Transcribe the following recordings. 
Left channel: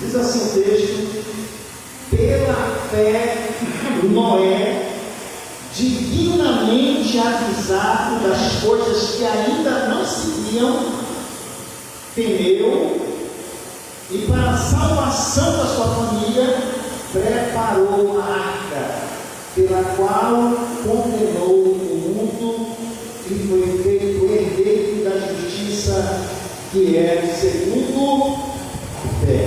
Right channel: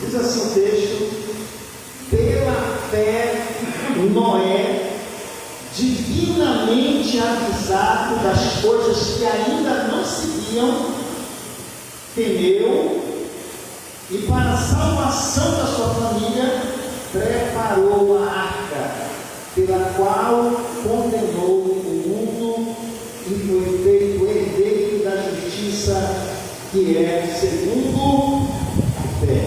Diz assim o texto: pela fé, Noé, divinamente avisado das coisas que ainda não se viam, temeu e, para a salvação da sua família, preparou a arca, pela qual condenou o mundo e foi feito herdeiro da justiça, que é segundo a fé.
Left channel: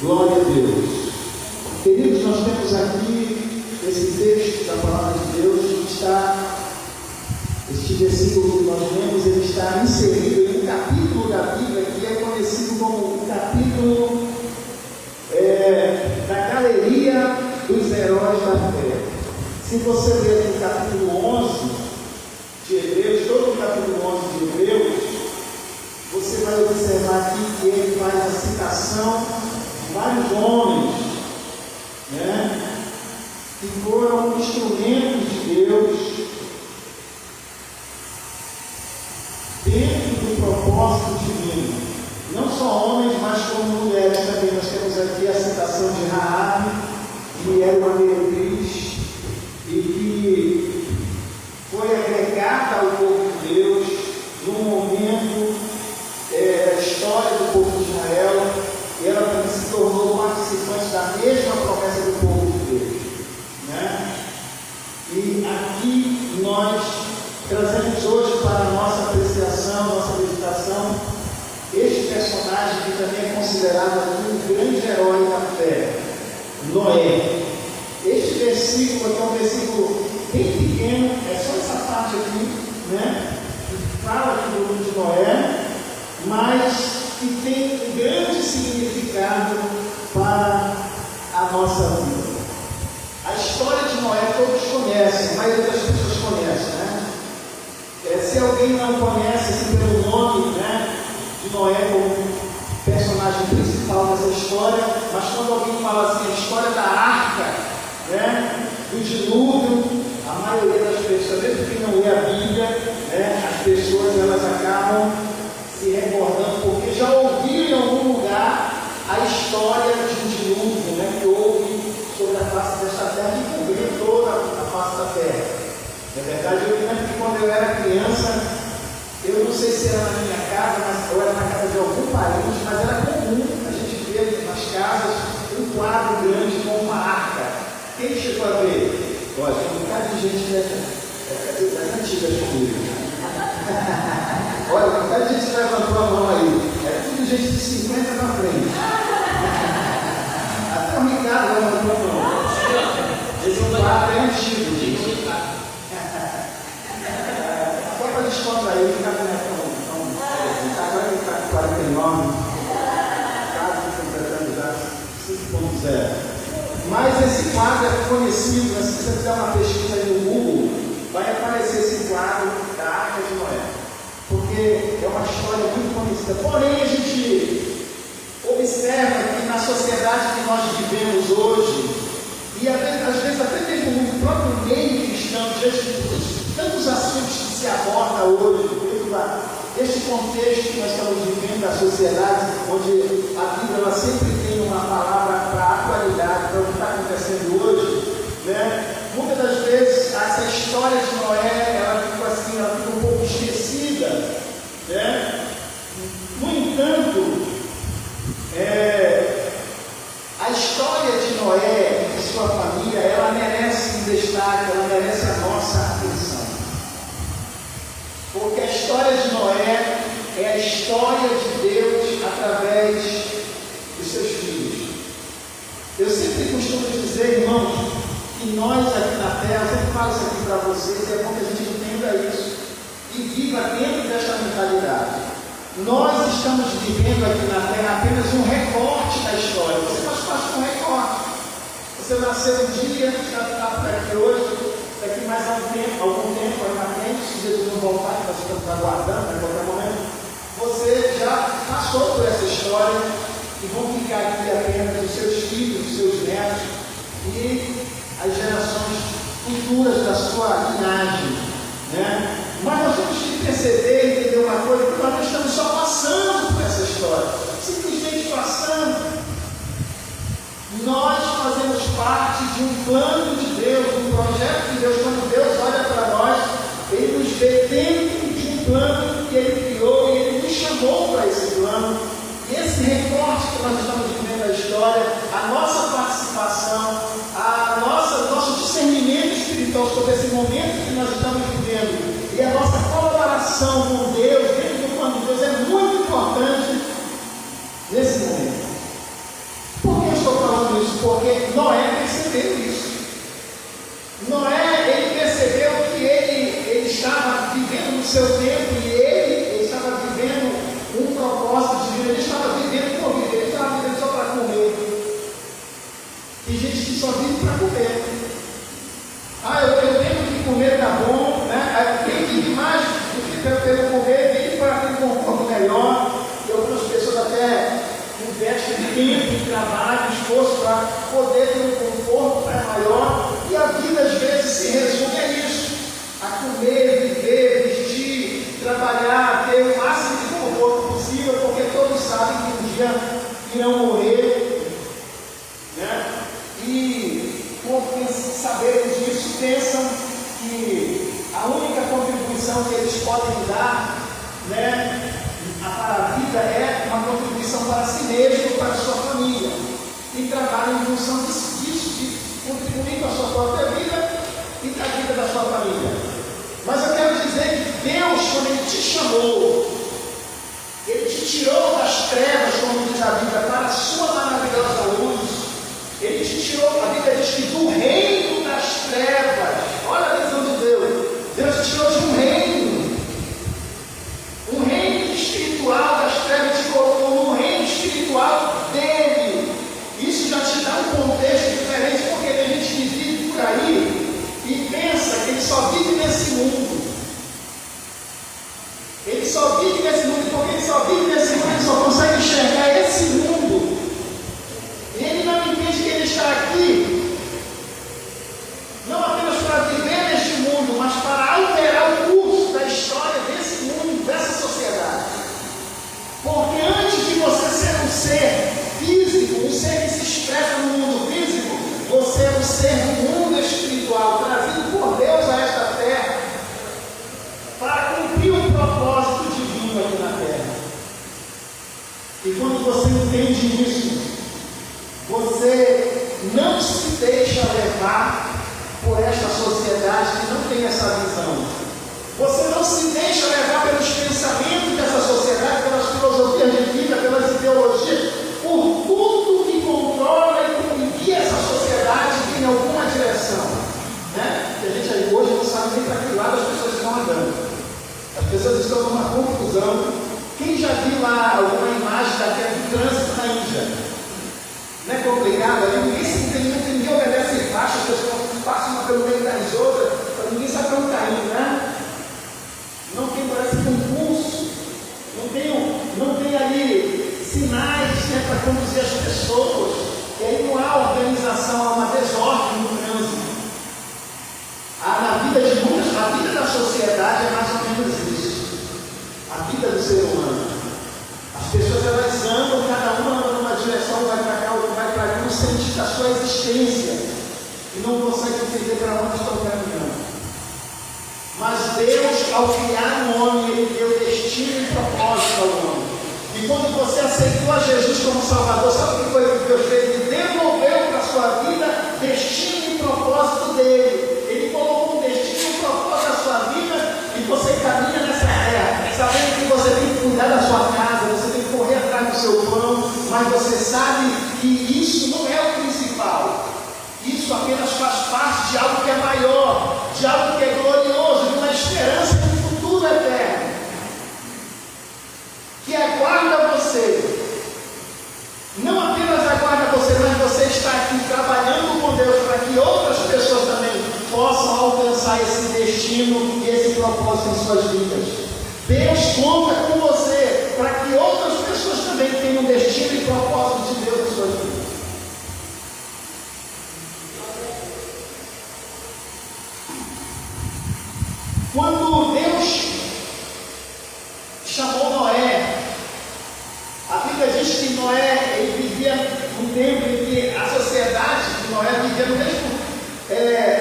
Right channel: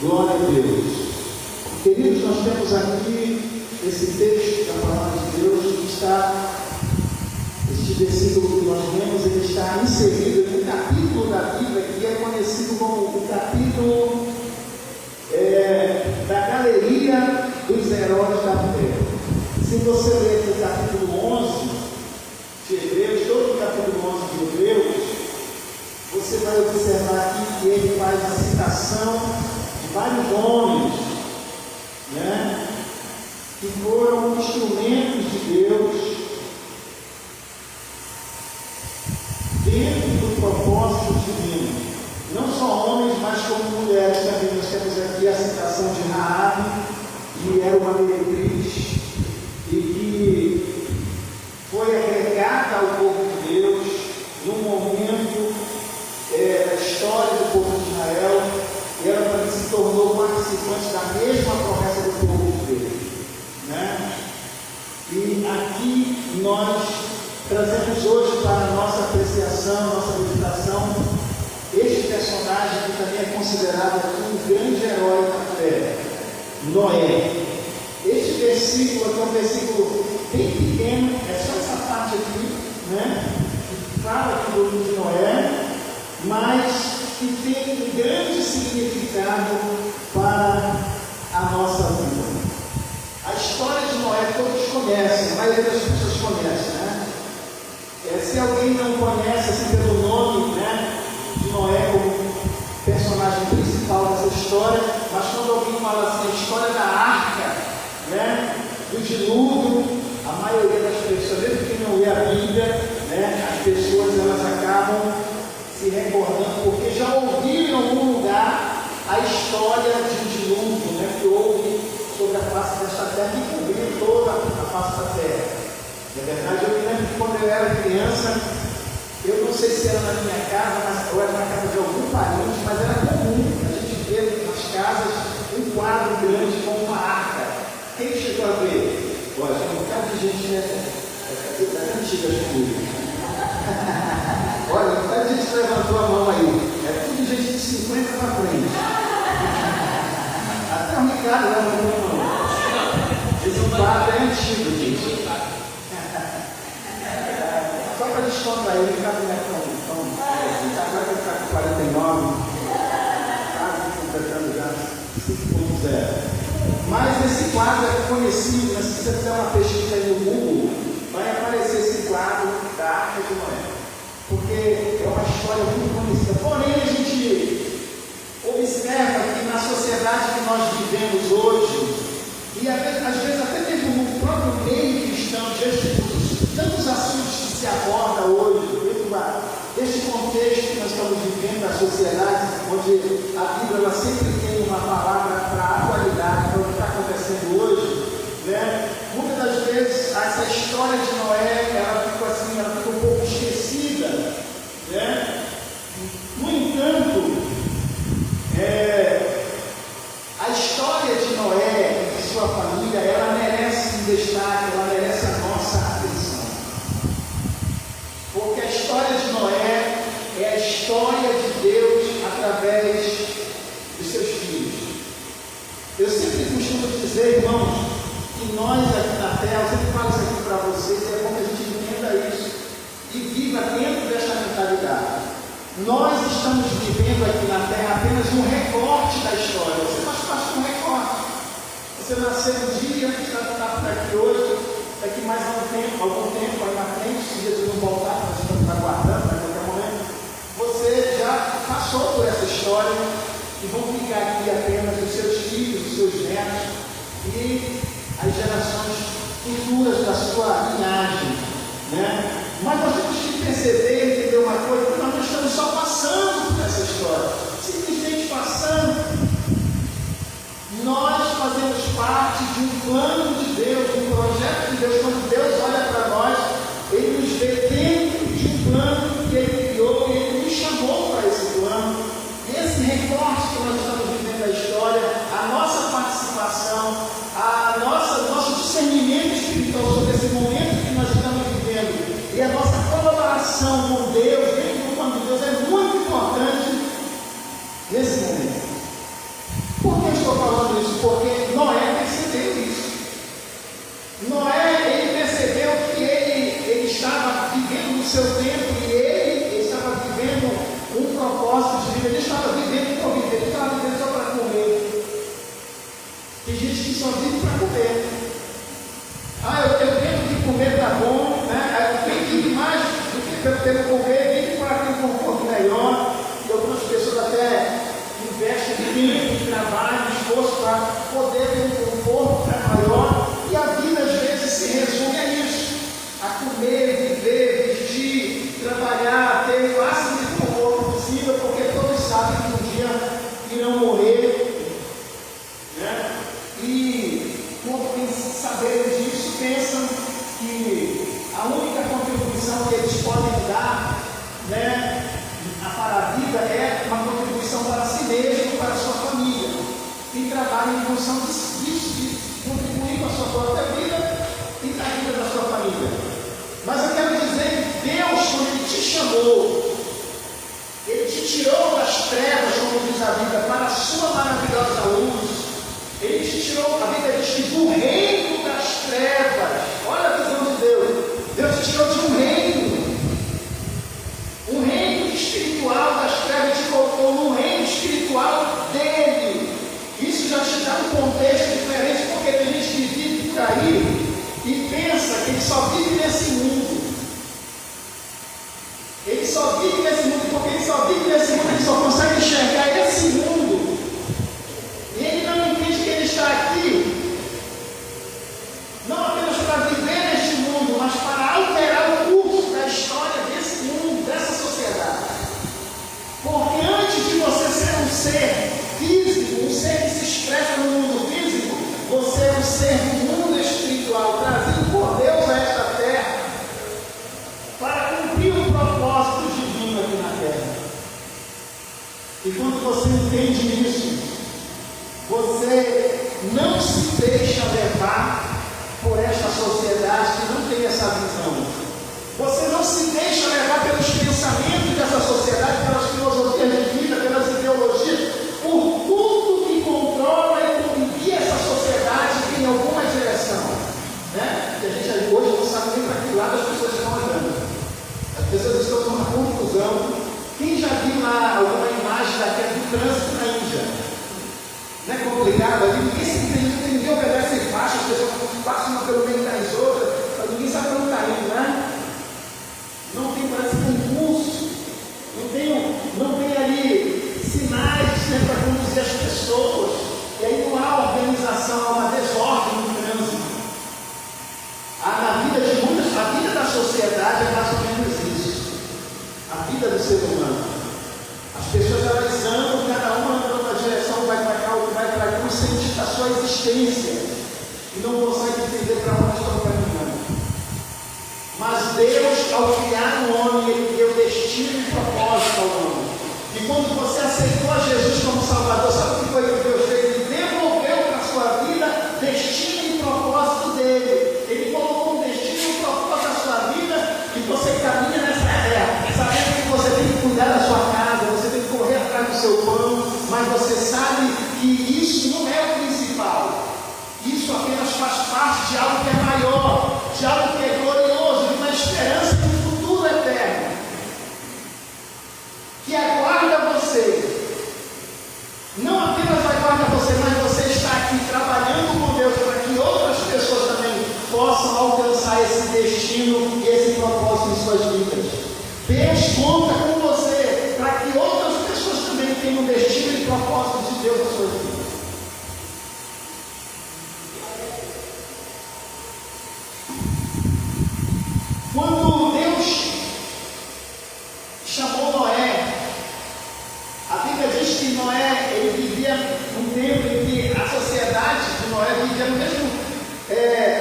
Glória a Deus. Queridos, nós temos aqui esse texto da palavra de Deus que está, este versículo que nós lemos, ele está inserido em um capítulo da Bíblia que é conhecido como o capítulo da galeria dos heróis da fé. Se você ler o capítulo 11 de Hebreus, todo o capítulo 11 de Hebreus, você vai observar aqui que ele faz a citação de vários homens, que foram instrumentos de Deus dentro do propósito divino. Não só homens, mas como mulheres também. Nós temos aqui a citação de Raabe, que era uma meretriz e que foi agregada ao povo de Deus num momento da história do povo de Israel, e ela também se tornou participante da mesma promessa do povo de Deus. E aqui nós trazemos hoje para a nossa apreciação, nossa meditação, este personagem que também é considerado aqui um grande herói da fé, Noé. Este versículo aqui é um versículo bem pequeno, é só essa parte aqui, que fala aqui do livro de Noé, mas que tem um grande significado para a nossa vida. A história de Noé todos conhecem, a maioria das pessoas conhece, se alguém não conhece assim, pelo nome de Noé como personagem principal dessa história, mas quando alguém fala assim, a história da arca, do dilúvio, a maioria das pessoas, mesmo quem não lê a Bíblia, as pessoas elas acabam se recordando, porque já ouviram em algum lugar a história de um dilúvio, que houve sobre a face desta terra e cobriu toda a face da terra. Na verdade, eu lembro que quando eu era criança, eu não sei se era na minha casa, ou era na casa de algum parente, mas era comum a gente ver nas casas um quadro grande com uma arca. Quem chegou a ver? Olha, tem um bocado de gente das antigas comigo. Olha, um bocado de gente levantou a mão aí. É tudo gente de 50 na frente. Até o Ricardo levantou a mão. Esse quadro é antigo, gente. Só para descontrair, o Ricardo não é tão. Está com 49, quase completando já 5.0. Mas esse quadro é conhecido, se você fizer uma pesquisa aí no Google, vai aparecer esse quadro da Arca de Noé. Porque é uma história muito conhecida. Porém, a gente observa que na sociedade que nós vivemos hoje, e às vezes até mesmo no próprio meio cristão, tantos assuntos que se aborda hoje, deste contexto que nós estamos vivendo da sociedade, onde a Bíblia ela sempre tem uma palavra para a atualidade, para o que está acontecendo hoje, muitas das vezes essa história de Noé, ela fica um pouco esquecida, No entanto, a história de Noé e de sua família, ela merece um destaque, ela merece a nossa atenção. Porque a história de Noé é a história de Deus através dos seus filhos. Eu sempre costumo dizer, irmãos, que nós aqui na Terra, eu sempre falo isso aqui para vocês, é bom que a gente entenda isso e viva dentro desta mentalidade. Nós estamos vivendo aqui na Terra apenas um recorte da história. Você faz parte de um recorte. Você nasceu um dia, está por aqui hoje, daqui mais algum tempo ali na frente, se Jesus não voltar, que nós estamos aguardando a qualquer momento, você já passou por essa história e vão ficar aqui apenas os seus filhos, os seus netos e as gerações futuras da sua linhagem, Mas nós temos que perceber e entender uma coisa, que nós não estamos só passando por essa história, simplesmente passando. nós estamos vivendo a história, a nossa participação, nosso discernimento espiritual sobre esse momento que nós estamos vivendo e a nossa colaboração com Deus, dentro do plano de Deus, é muito importante nesse momento. Por que eu estou falando isso? Porque Noé percebeu isso. Noé, ele percebeu que ele estava vivendo no seu tempo e ele estava vivendo um propósito de vida, ele estava vivendo por viver, ele estava vivendo só para comer. Tem gente que só vive para comer. Eu tenho que comer, tá bom, né? Eu tenho que ir mais do que pelo comer, tem que ir para ter um conforto melhor. E algumas pessoas até investem tempo, trabalho, esforço para poder ter um conforto maior. E a vida às vezes se resume a isso: a comer, viver, vestir, trabalhar, ter o máximo de conforto possível, porque todos sabem que um dia irão morrer, né? E por saberem disso, pensam que a única contribuição que eles podem dar, né, para a vida é uma contribuição para si mesmo, para a sua família, e trabalham em função disso, de contribuir com a sua própria vida e com a vida da sua família. Mas eu quero dizer que Deus, quando Ele te chamou, Ele te tirou das trevas, como diz a Bíblia, para a sua maravilhosa luz. Ele te tirou, a Bíblia diz que do reino das trevas. Olha a visão de Deus. Deus te tirou de um reino espiritual das trevas, te colocou no reino espiritual dele. Isso já te dá um contexto diferente, porque tem gente que vive por aí e pensa que ele só vive nesse mundo. Ele só vive nesse mundo, porque ele só vive nesse mundo, ele só consegue enxergar esse mundo. E ele não entende que ele está aqui, não apenas para viver neste mundo, mas para alterar o curso da história desse mundo, dessa sociedade. Porque antes de você ser um ser físico, um ser que se expressa no mundo físico, você é um ser do mundo espiritual, trazido por Deus a esta terra, para cumprir um propósito divino aqui na terra. E quando você entende isso, você não se deixa levar por esta sociedade que não tem essa visão. Você não se deixa levar pelos pensamentos dessa sociedade, pelas filosofias de vida, pelas ideologias, por tudo que controla e guia essa sociedade em alguma direção. Né? A gente hoje não sabe nem para que lado as pessoas estão andando. As pessoas estão numa confusão. Quem já viu lá alguma imagem daquele do trânsito na Índia? Não é complicado? Ali ninguém se entende, ninguém obedece faixa, as pessoas passam pelo meio das outras, ninguém sabe para onde está indo, né? Não tem, parece, concurso, não tem ali sinais, né, para conduzir as pessoas, e aí não há organização, há uma desordem no trânsito. Na vida de muitos, a vida da sociedade é mais ou menos isso. A vida do ser humano. As pessoas elas andam, cada uma anda numa direção, vai para cá, outro vai para cá, não sente a sua existência e não consegue entender para onde estão caminhando. Mas Deus, ao criar um homem, Ele deu destino e propósito ao homem. E quando você aceitou a Jesus como Salvador, sabe o que foi que Deus fez? Ele devolveu para a sua vida destino e propósito dele. Ele colocou um destino e um propósito na sua vida e você caminha nessa terra, sabendo que você tem que cuidar da sua casa, você tem que correr atrás do seu pão, mas você sabe que isso não é o principal. Isso apenas faz parte de algo que é maior, de algo que é glorioso, de uma esperança de um futuro eterno, que aguarda você. Não apenas aguarda você, mas você está aqui trabalhando com Deus para que outras pessoas também possam alcançar esse destino e esse propósito em suas vidas. Deus conta com você para que outras pessoas também tenham um destino e propósito de Deus em suas vidas. Quando Deus chamou Noé, a Bíblia diz que Noé ele vivia num tempo em que a sociedade de Noé vivia no mesmo,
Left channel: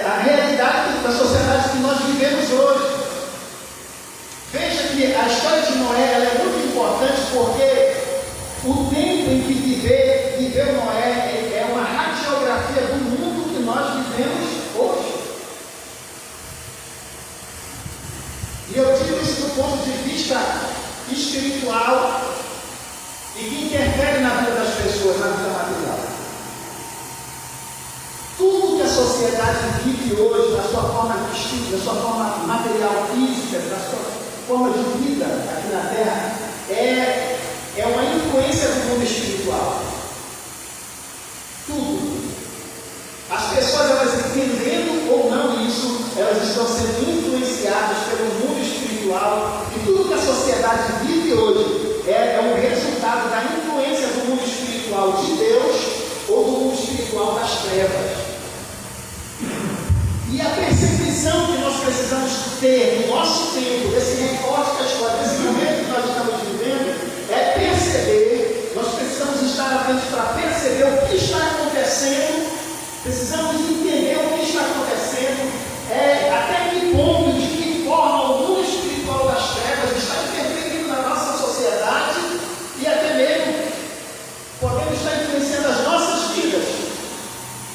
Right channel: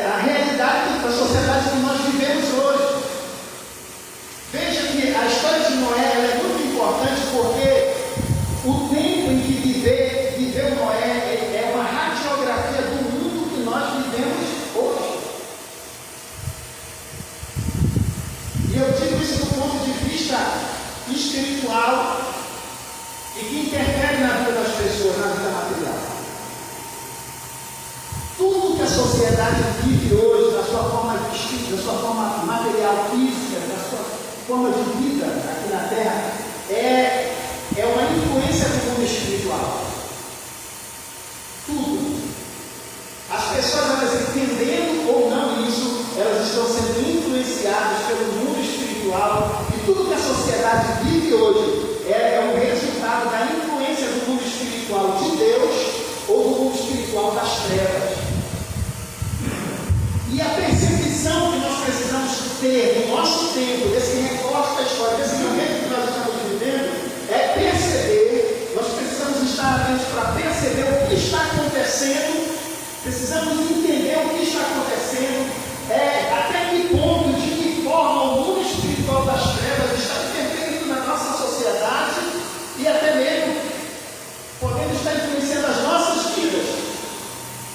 a realidade da sociedade que nós vivemos hoje. Veja que a história de Noé ela é muito importante porque o tempo em que viveu Noé é uma radiografia do mundo que nós vivemos hoje. E eu digo isso do ponto de vista espiritual e que interfere na vida das pessoas, na vida material. Tudo que a sociedade vive hoje, na sua forma de vestir, na sua forma material física, na sua forma de vida aqui na Terra, é uma influência do mundo espiritual. Tudo. As pessoas, elas entendendo ou não isso, elas estão sendo influenciadas pelo mundo espiritual, e tudo que a sociedade vive hoje é um resultado da influência do mundo espiritual de Deus ou do mundo espiritual das trevas. E a percepção que nós precisamos ter no nosso tempo, desse recorte da história, desse momento que nós estamos vivendo, é perceber, nós precisamos estar atentos para perceber o que está acontecendo, precisamos entender o que está acontecendo, até que ponto, de que forma o mundo espiritual das trevas está interferindo na nossa sociedade e até mesmo podendo estar influenciando as nossas vidas,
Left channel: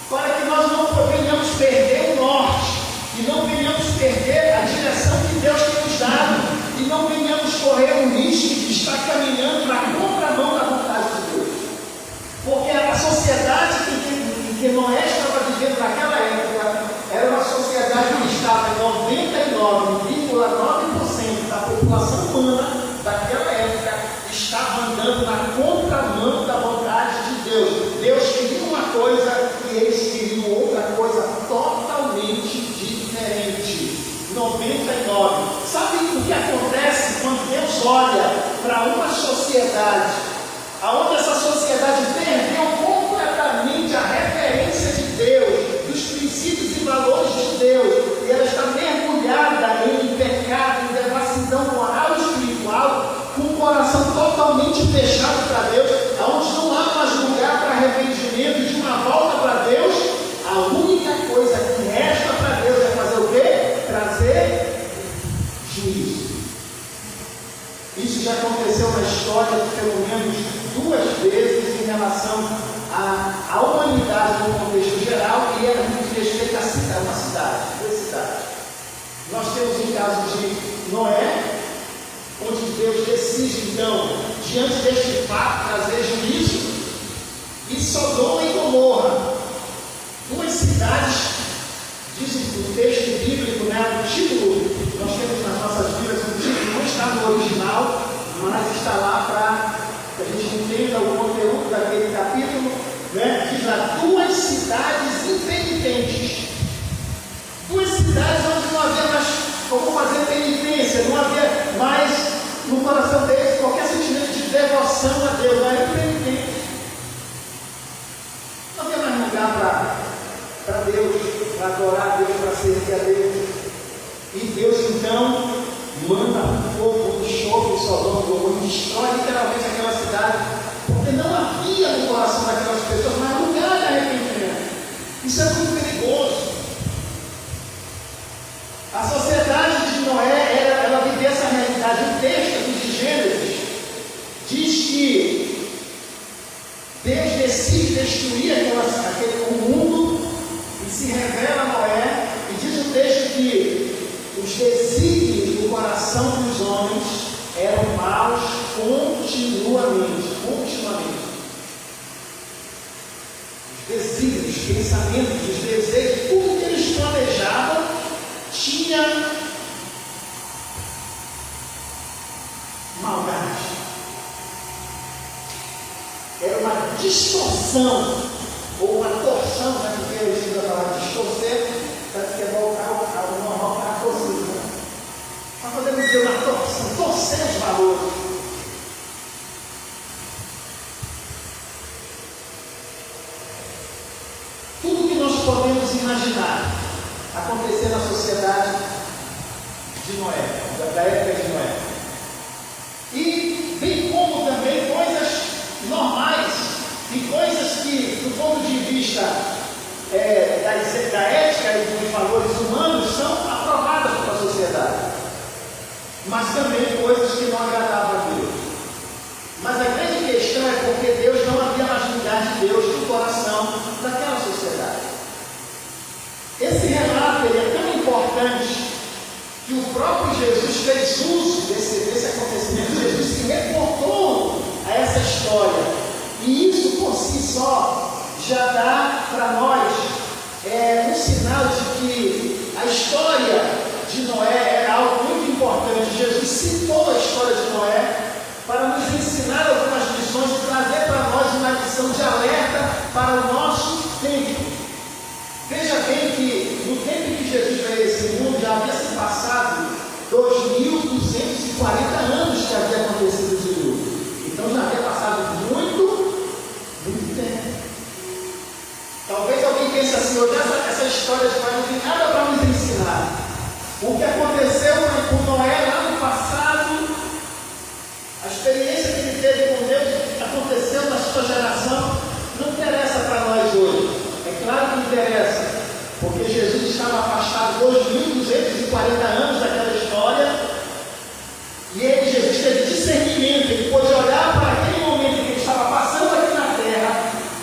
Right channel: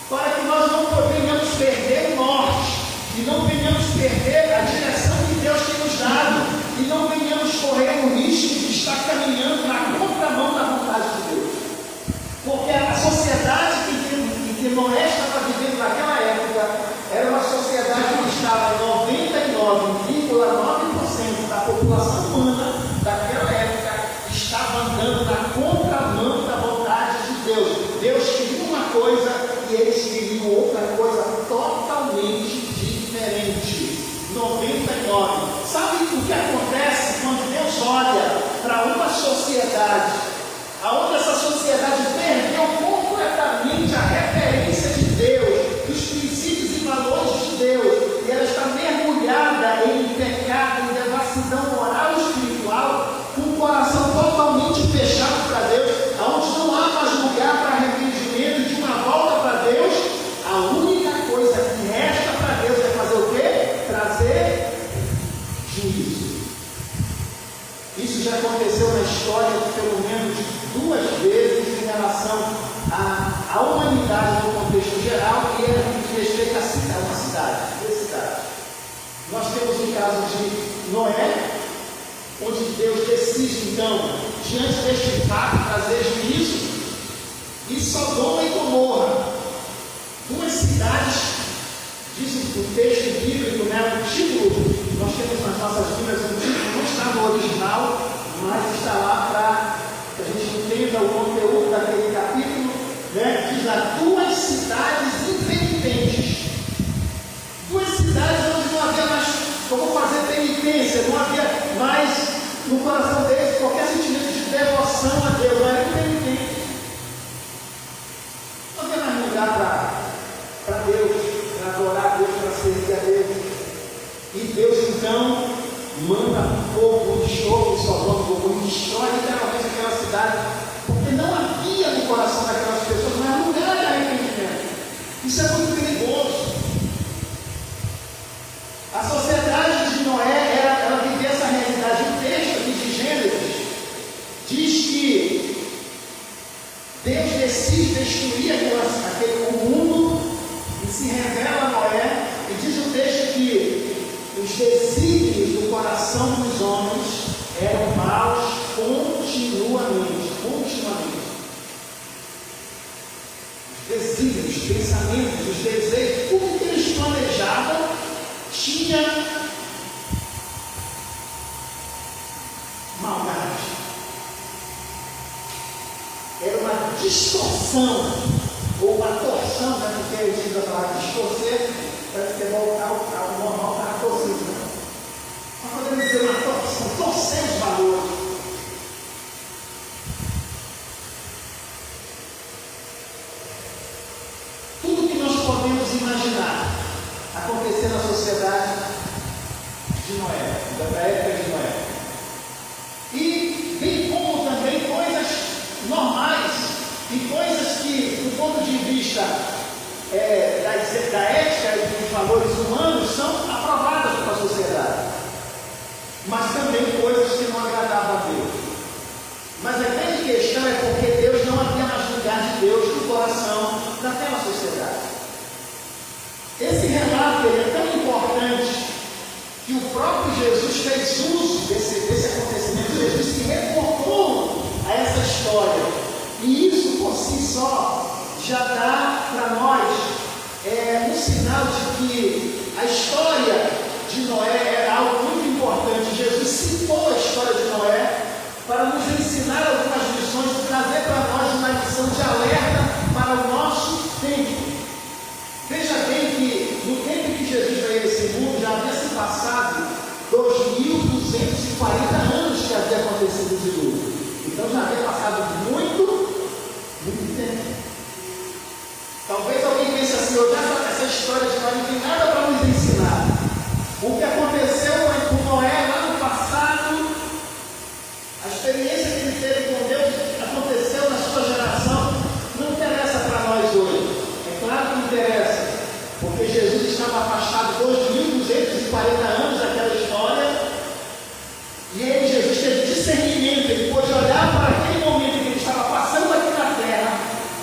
para que nós não venhamos perder o norte e não venhamos perder a direção que Deus tem nos dado e não venhamos correr o risco de estar caminhando na contramão da vontade de Deus. Porque a sociedade que Noé estava vivendo naquela época era uma sociedade que estava em 99,9% da população humana daquela época estava andando na contramão da vontade de Deus. Deus queria uma coisa e eles queriam outra coisa totalmente diferente. 99. Sabe o que acontece quando Deus olha para uma sociedade, aonde essa sociedade perdeu completamente a referência de Deus, dos princípios e valores de Deus, e ela está mergulhada em pecado, em devassidão moral e espiritual, com o coração totalmente fechado para Deus, aonde não há mais lugar para arrependimento e de uma volta para Deus. A única coisa que resta para Deus é fazer o quê? Trazer juízo. Isso já aconteceu na história pelo menos 2 vezes em relação à humanidade no contexto geral e era no que respeito a uma cidade, 2 cidades. Nós temos o caso de Noé, onde Deus decide então, diante deste fato, trazer juízo, e Sodoma e Gomorra, 2 cidades, diz o texto bíblico, né, o título, nós temos nas nossas Bíblias, o título não está no original, mas está lá para que a gente entenda o conteúdo daquele capítulo, né, diz lá, 2 cidades impenitentes, 2 cidades onde não havia mais como fazer penitência, não havia mais no coração deles qualquer sentimento de devoção a Deus, não era penitente. Não havia mais lugar para Deus, para adorar a Deus, para servir a Deus. E Deus então manda um fogo, um enxofre de Sodoma e Gomorra, e destrói literalmente aquela cidade, porque não havia no coração daquelas pessoas mais lugar de arrependimento. Isso é muito perigoso. A sociedade de Noé, ela vivia essa realidade. O texto de Gênesis diz que Deus decide destruir o mundo e se revela a Noé, e diz o texto que os desígnios do coração dos homens eram maus continuamente. Os desígnios, os pensamentos, os desejos, tudo que eles planejavam tinha maldade. Era uma distorção, ou uma torção, né, que eles usam a palavra distorcer, para que você voltar ao normal, para a torcida. Nós podemos dizer uma torção, torcer os valores. Tudo que nós podemos imaginar acontecer na sociedade de Noé, da época de Noé. E bem como também coisas normais e coisas que, do ponto de vista da ética e dos valores humanos, são aprovadas pela sociedade. Mas também coisas que não agradavam a Deus. Mas a grande questão é porque Deus não si só já dá para nós um sinal de que a história de Noé era algo muito importante. Jesus citou a história de Noé para nos ensinar algumas lições e trazer para nós uma lição de alerta para o nosso tempo. Veja bem que no tempo que Jesus veio a esse mundo já havia se passado 2.240 anos que havia acontecido o dilúvio. Então já havia passado muito tempo. Talvez alguém pense assim, essa história de Noé não tem nada para nos ensinar. O que aconteceu com Noé lá no passado, a experiência que ele teve com Deus, o que aconteceu na sua geração, não interessa para nós hoje. É claro que interessa, porque Jesus estava afastado 2.240 anos daquela história, e Jesus teve discernimento, ele pôde olhar para aquele momento que ele estava passando aqui na terra,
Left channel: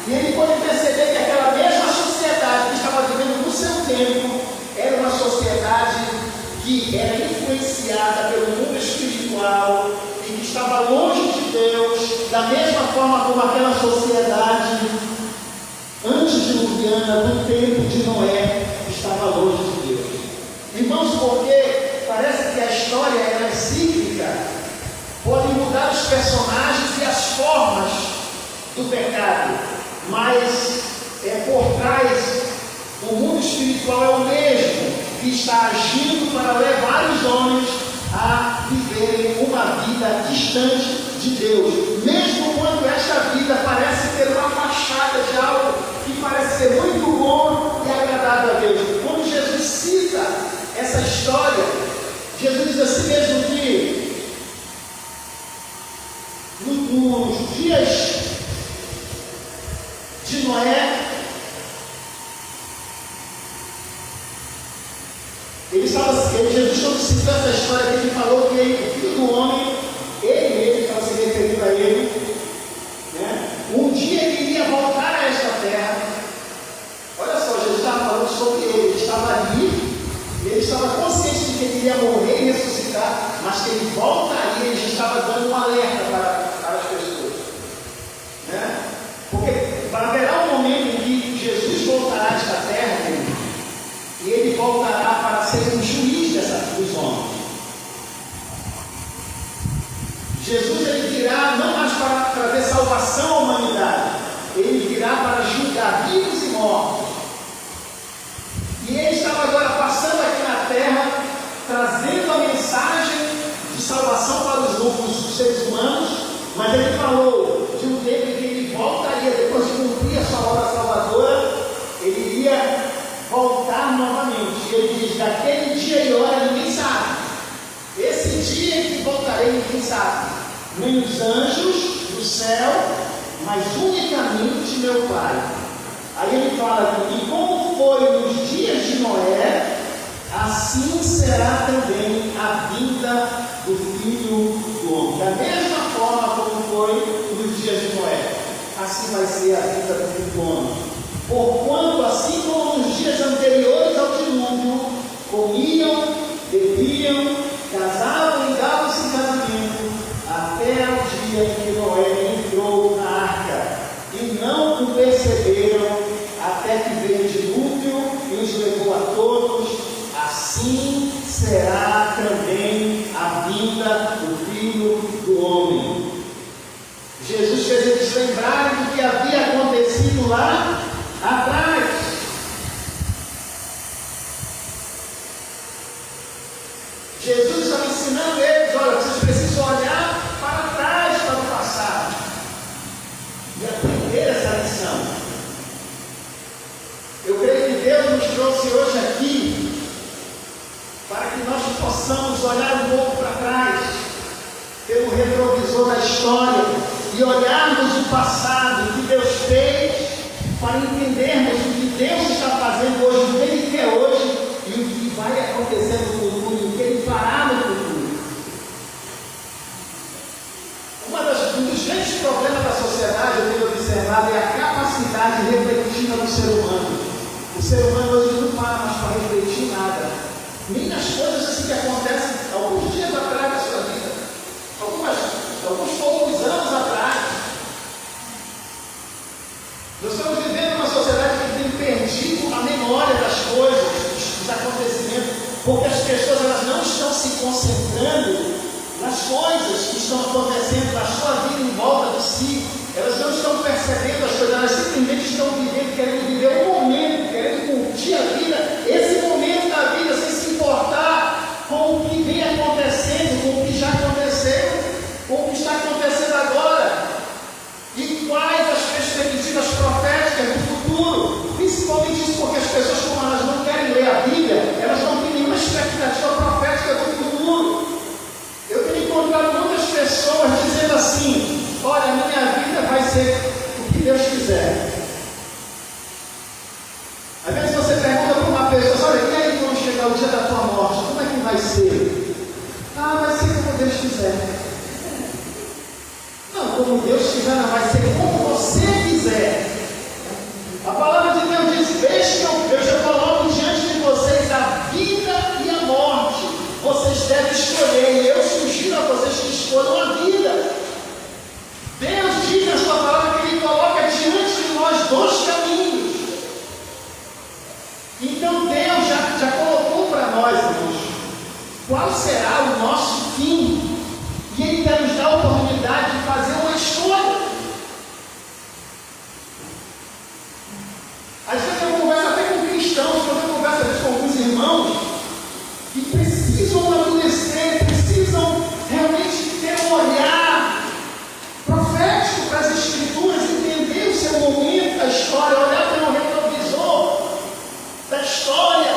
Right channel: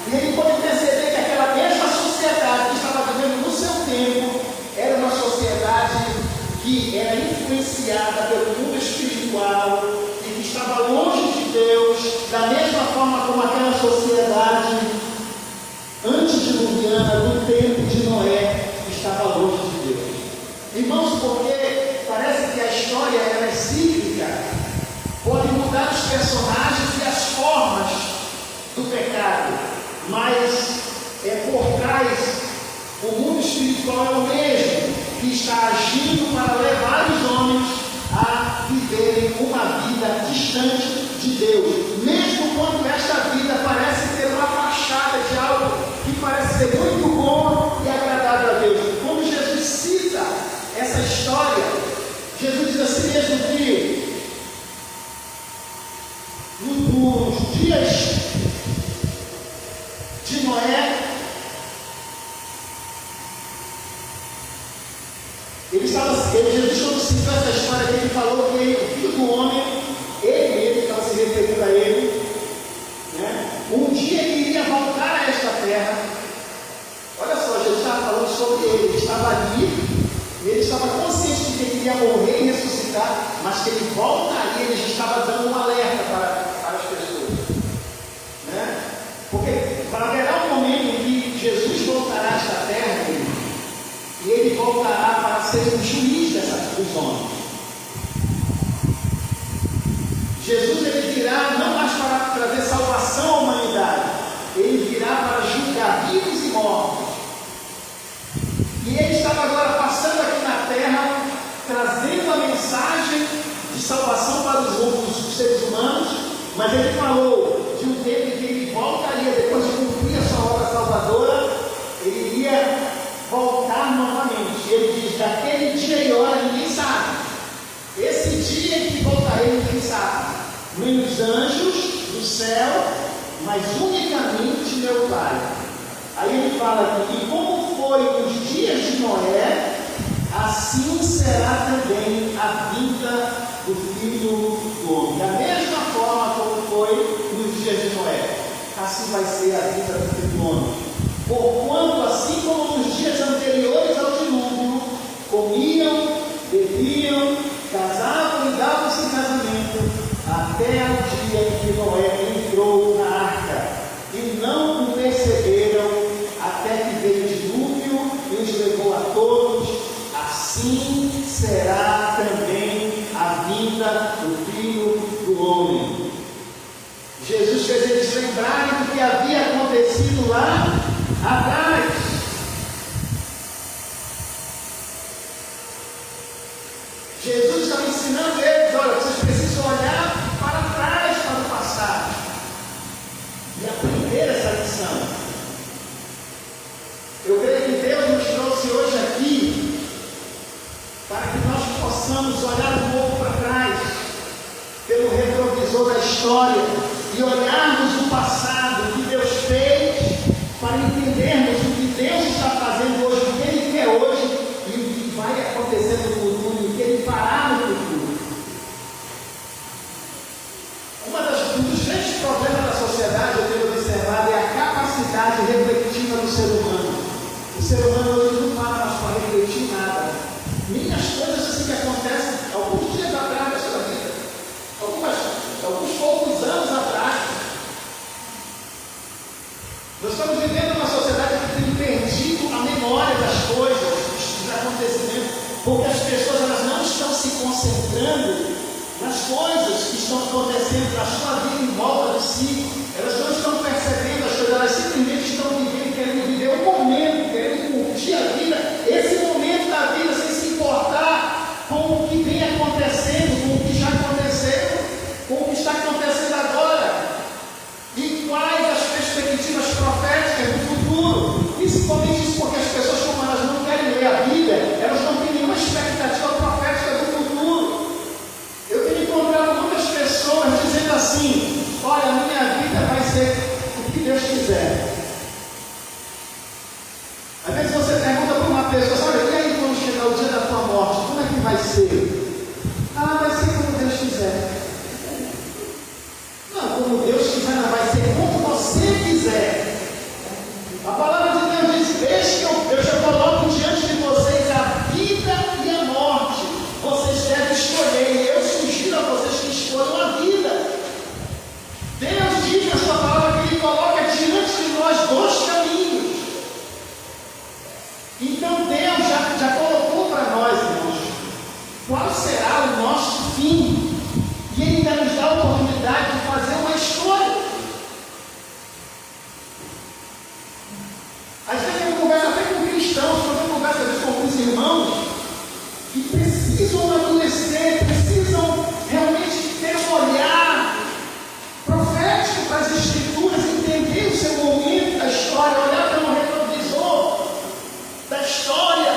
e ele pôde perceber que aquela mesma sociedade que estava vivendo no seu tempo, era uma sociedade que era influenciada pelo mundo espiritual, e que estava longe de Deus, da mesma forma como aquela sociedade antediluviana no tempo de Noé estava longe de Deus. Irmãos, porque parece que a história é cíclica, pode mudar os personagens e as formas do pecado, mas por trás o mundo espiritual é o mesmo, que está agindo para levar os homens a viverem uma vida distante de Deus, mesmo quando esta vida parece ter uma fachada de algo que parece ser muito bom e agradável a Deus. Quando Jesus cita essa história, Jesus diz assim mesmo que nos dias de Noé, Jesus, quando citou essa história, ele falou que o filho do homem, ele estava se referindo a ele, né? Um dia ele iria voltar a esta terra. Olha só, Jesus estava falando sobre ele estava ali, e ele estava consciente de que ele iria morrer e ressuscitar, mas que ele voltaria, ele já estava dando um alerta para as pessoas, né? Porque haverá um momento em que Jesus voltará a esta terra, e ele voltará para ser um juiz dos homens. Jesus ele virá não mais para trazer salvação à humanidade, ele virá para julgar vivos e mortos. E ele estava agora passando aqui na terra, trazendo a mensagem de salvação para os seres humanos, mas ele falou de um tempo em que ele voltaria, depois de cumprir a sua obra salvadora, ele iria voltar novamente. Ele diz, daquele dia e hora ninguém sabe. Esse dia em que voltarei ninguém sabe. Nem os anjos do céu, mas unicamente meu Pai. Aí ele fala aqui, e como foi nos dias de Noé, assim será também a vida do Filho do Homem. Da mesma forma como foi nos dias de Noé, assim vai ser a vida do Filho do Homem. Porquanto, assim como nos dias anteriores ao dilúvio, comiam, bebiam, casavam e davam-se em casamento, até o dia em que Noé entrou na arca, e não o perceberam, até que veio o dilúvio e os levou a todos. Assim será também a vinda do Filho do Homem. Jesus fez eles lembrarem do que havia acontecido lá atrás. Jesus estava ensinando eles, olha, vocês precisam olhar para trás, para o passado, e aprender essa lição. Eu creio que Deus nos trouxe hoje aqui para que nós possamos olhar um pouco para trás, pelo retrovisor da história, e olharmos o passado, o que Deus fez, para entendermos o que Deus está fazendo hoje, o que Ele quer hoje, e o que vai acontecer no futuro, e o que Ele fará no futuro. Um dos grandes problemas da sociedade, eu tenho observado, é a capacidade reflexiva do ser humano. O ser humano hoje não para mais para refletir nada. Nem as coisas assim que acontecem alguns dias atrás da sua vida, alguns poucos anos atrás. Nós estamos vivendo uma sociedade que tem perdido a memória das coisas, dos acontecimentos, porque as pessoas elas não estão se concentrando nas coisas que estão acontecendo na sua vida em volta de si. Elas não estão percebendo as coisas, elas simplesmente estão vivendo, querendo viver um momento, querendo curtir a vida, esse momento da vida, sem se importar com o que vem acontecendo, com o que já aconteceu, com o que está acontecendo agora. E quais as perspectivas proféticas do futuro? Principalmente isso porque as pessoas, como elas não querem ler a Bíblia, elas não têm nenhuma expectativa profética do futuro. Eu tenho encontrado muitas pessoas dizendo assim: olha, a minha vida vai ser o que Deus quiser. Às vezes você pergunta para uma pessoa: olha, e aí quando chegar o dia da tua morte, como é que vai ser? Ah, vai ser como Deus quiser. Não, como Deus quiser, não, vai ser como você quiser. A palavra de Deus diz: deixa eu coloco diante de vocês a vida e a morte. Vocês devem escolher, e eu sugiro a vocês que escolham a vida. Deus diz na sua palavra que Ele coloca diante de nós dois caminhos. Então Deus já colocou para nós, irmãos, qual será o nosso fim. E Ele vai nos dar a oportunidade de fazer uma escolha. Às vezes eu converso até com cristãos, quando eu converso com alguns irmãos, que precisam amadurecer, precisam realmente ter um olhar profético para as Escrituras, entender o seu momento da história, olhar para um retrovisor da história,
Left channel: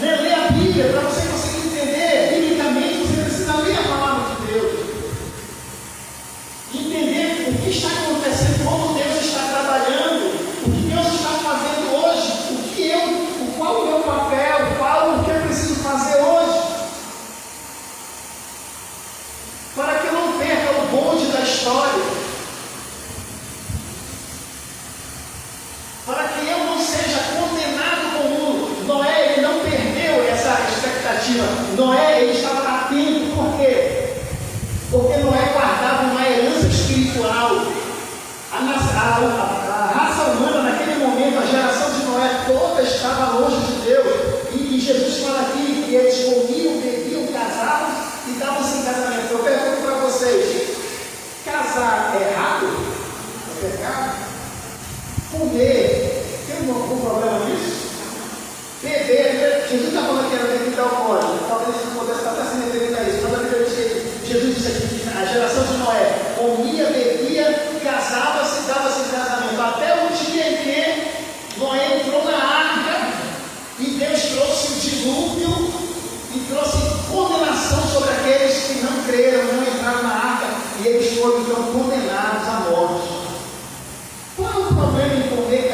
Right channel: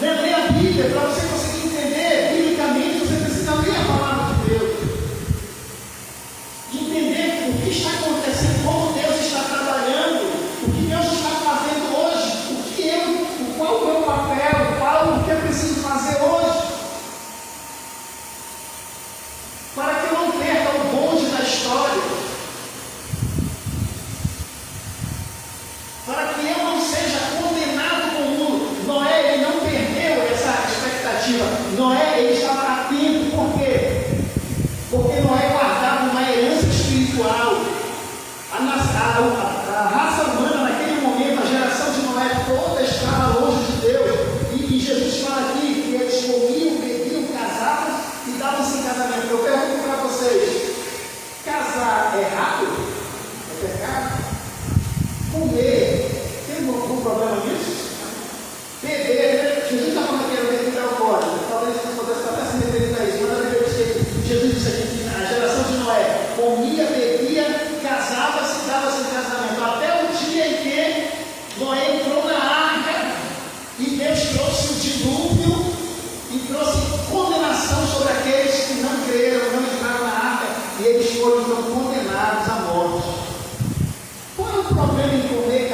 né? Ler a Bíblia, para você conseguir entender biblicamente, você precisa ler a palavra de Deus. Entender o que está acontecendo, como Deus está trabalhando, o que Deus está fazendo hoje, qual o meu papel, o que eu preciso fazer hoje, para que eu não perca o bonde da história, para que eu não seja condenado como Noé. Ele não perdeu essa expectativa. Noé, ele estava atento. Por quê? Porque Noé guardava uma herança espiritual. A raça humana naquele momento, a geração de Noé toda estava longe de Deus. E Jesus fala aqui que eles comiam, bebiam, casavam e davam-se em casamento. Eu pergunto para vocês: casar é errado? É pecado? Comer, tem algum problema nisso? Beber, Jesus está falando que era beber alcoólico. Talvez você pudesse até se referir a isso, mas a Bíblia diz que Jesus disse aqui que a geração de Noé comia, bebia, casava-se e dava-se em casamento. Até o dia em que Noé entrou na arca e Deus trouxe o dilúvio e trouxe condenação sobre aqueles que não creram, não entraram na arca, e eles foram então condenados à morte. Qual é o problema em comer,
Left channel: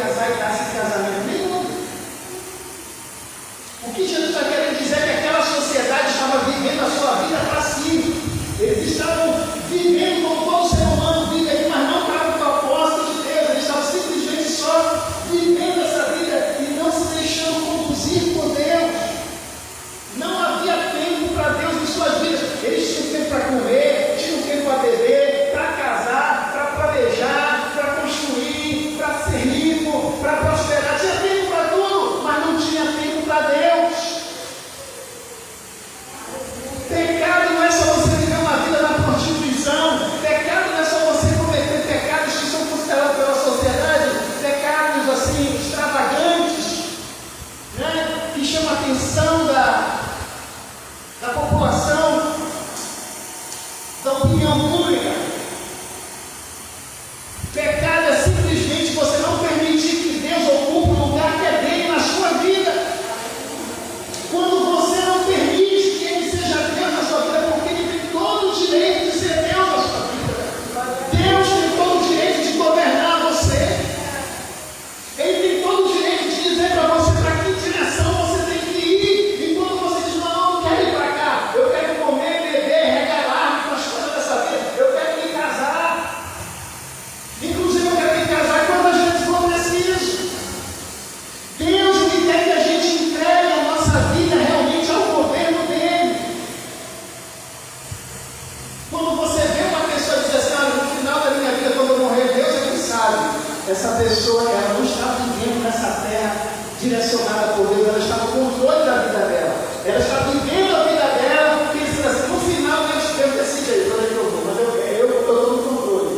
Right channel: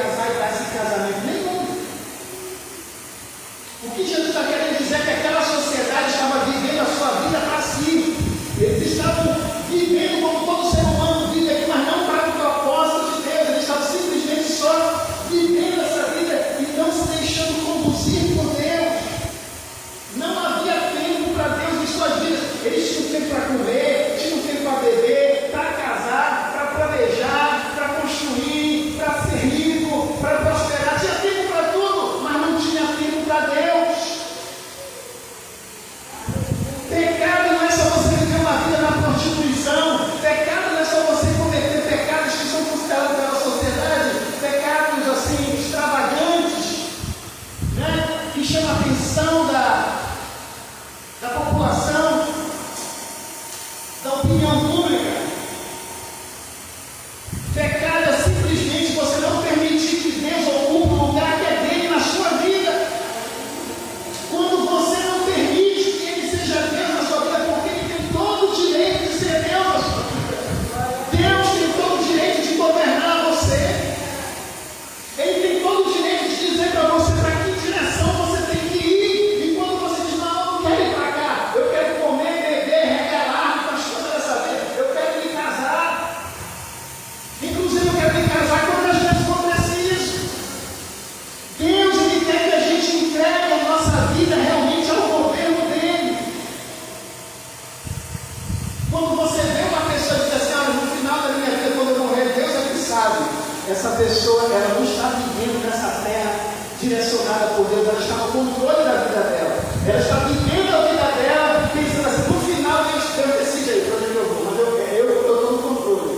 ela não está vivendo nessa terra direcionada por Deus, ela está no controle da vida dela. Ela está vivendo a vida dela, pensando assim, no final eu desse jeito, onde eu vou, mas eu estou no controle.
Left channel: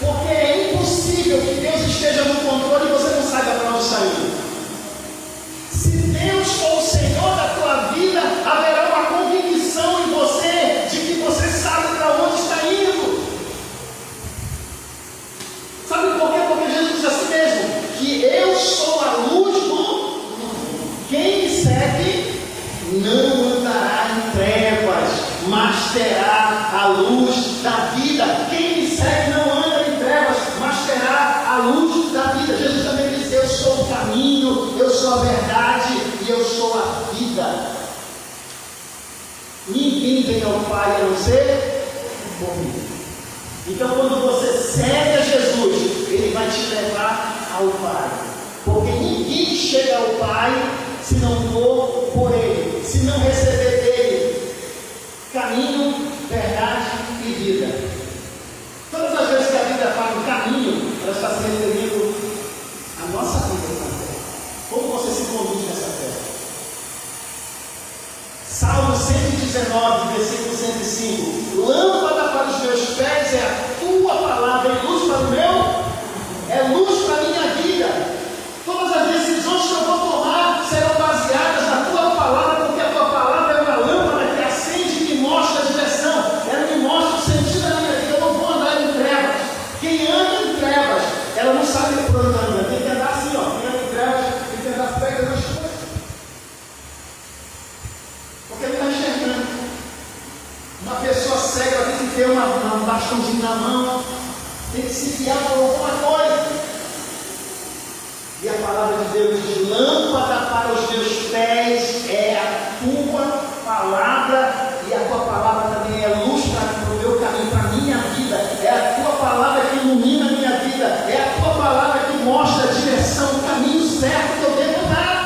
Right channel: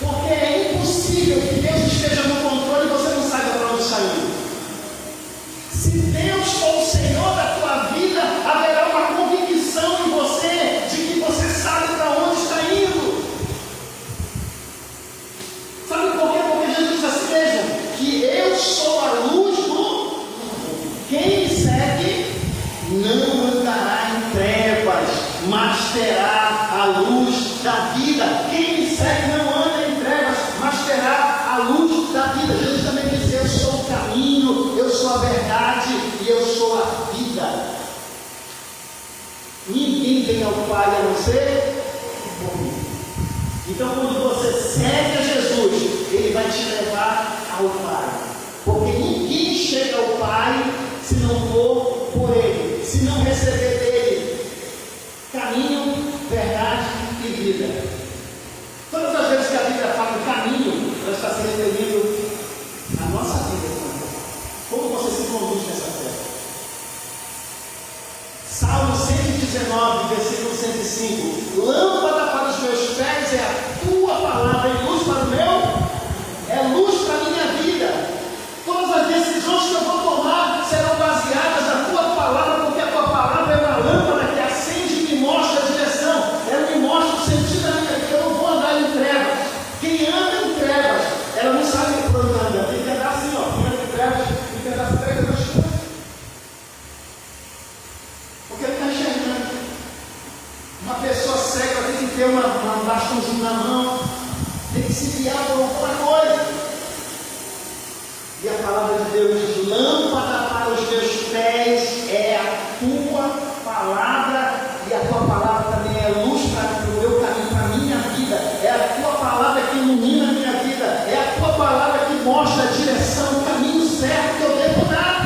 Porque é impossível que Deus esteja no controle e você não saiba para onde sair. Se Deus for o Senhor da tua vida, haverá uma convicção em você de que você sabe para onde está indo. Sabe por quê? Porque Jesus diz assim mesmo, que eu sou a luz do mundo. Quem me segue não andará em trevas, mas terá a luz da vida. Quem me segue não anda em trevas, mas terá a luz da vida. Jesus também diz, eu sou o caminho, eu sou a verdade e eu sou a vida. Ninguém vem ao Pai a não ser por mim. Então, quando você segue a Jesus, Ele vai te levar ao Pai. Porque ninguém chega ao Pai se não for por Ele, se não receber dEle caminho, verdade e vida. Todas as vezes que a Bíblia fala em caminho, ela está se referindo à nossa vida também. Como você se conduz nessa terra? Salmo 119, versículo 105. Lâmpada para os meus pés é a tua palavra e luz para o meu, é luz para a minha vida. Todas as decisões que eu vou tomar serão baseadas na tua palavra, porque a tua palavra é uma lâmpada que acende e me mostra a direção. Ela me mostra o sentido da minha vida. Eu não vou andar em trevas. Quem anda em trevas, ela não sabe por onde anda. Tem que andar assim, ó. Quem anda em trevas, tem que andar por perto das coisas. Porque ele está enxergando. Uma pessoa cega tem que ter um bastãozinho na mão, tem que se guiar por alguma coisa. E a palavra de Deus diz, lâmpada para os meus pés é a tua palavra, e a tua palavra também é luz para o meu caminho, para a minha vida. É a tua palavra que ilumina a minha vida. É a tua palavra que mostra a direção, o caminho certo que eu devo dar.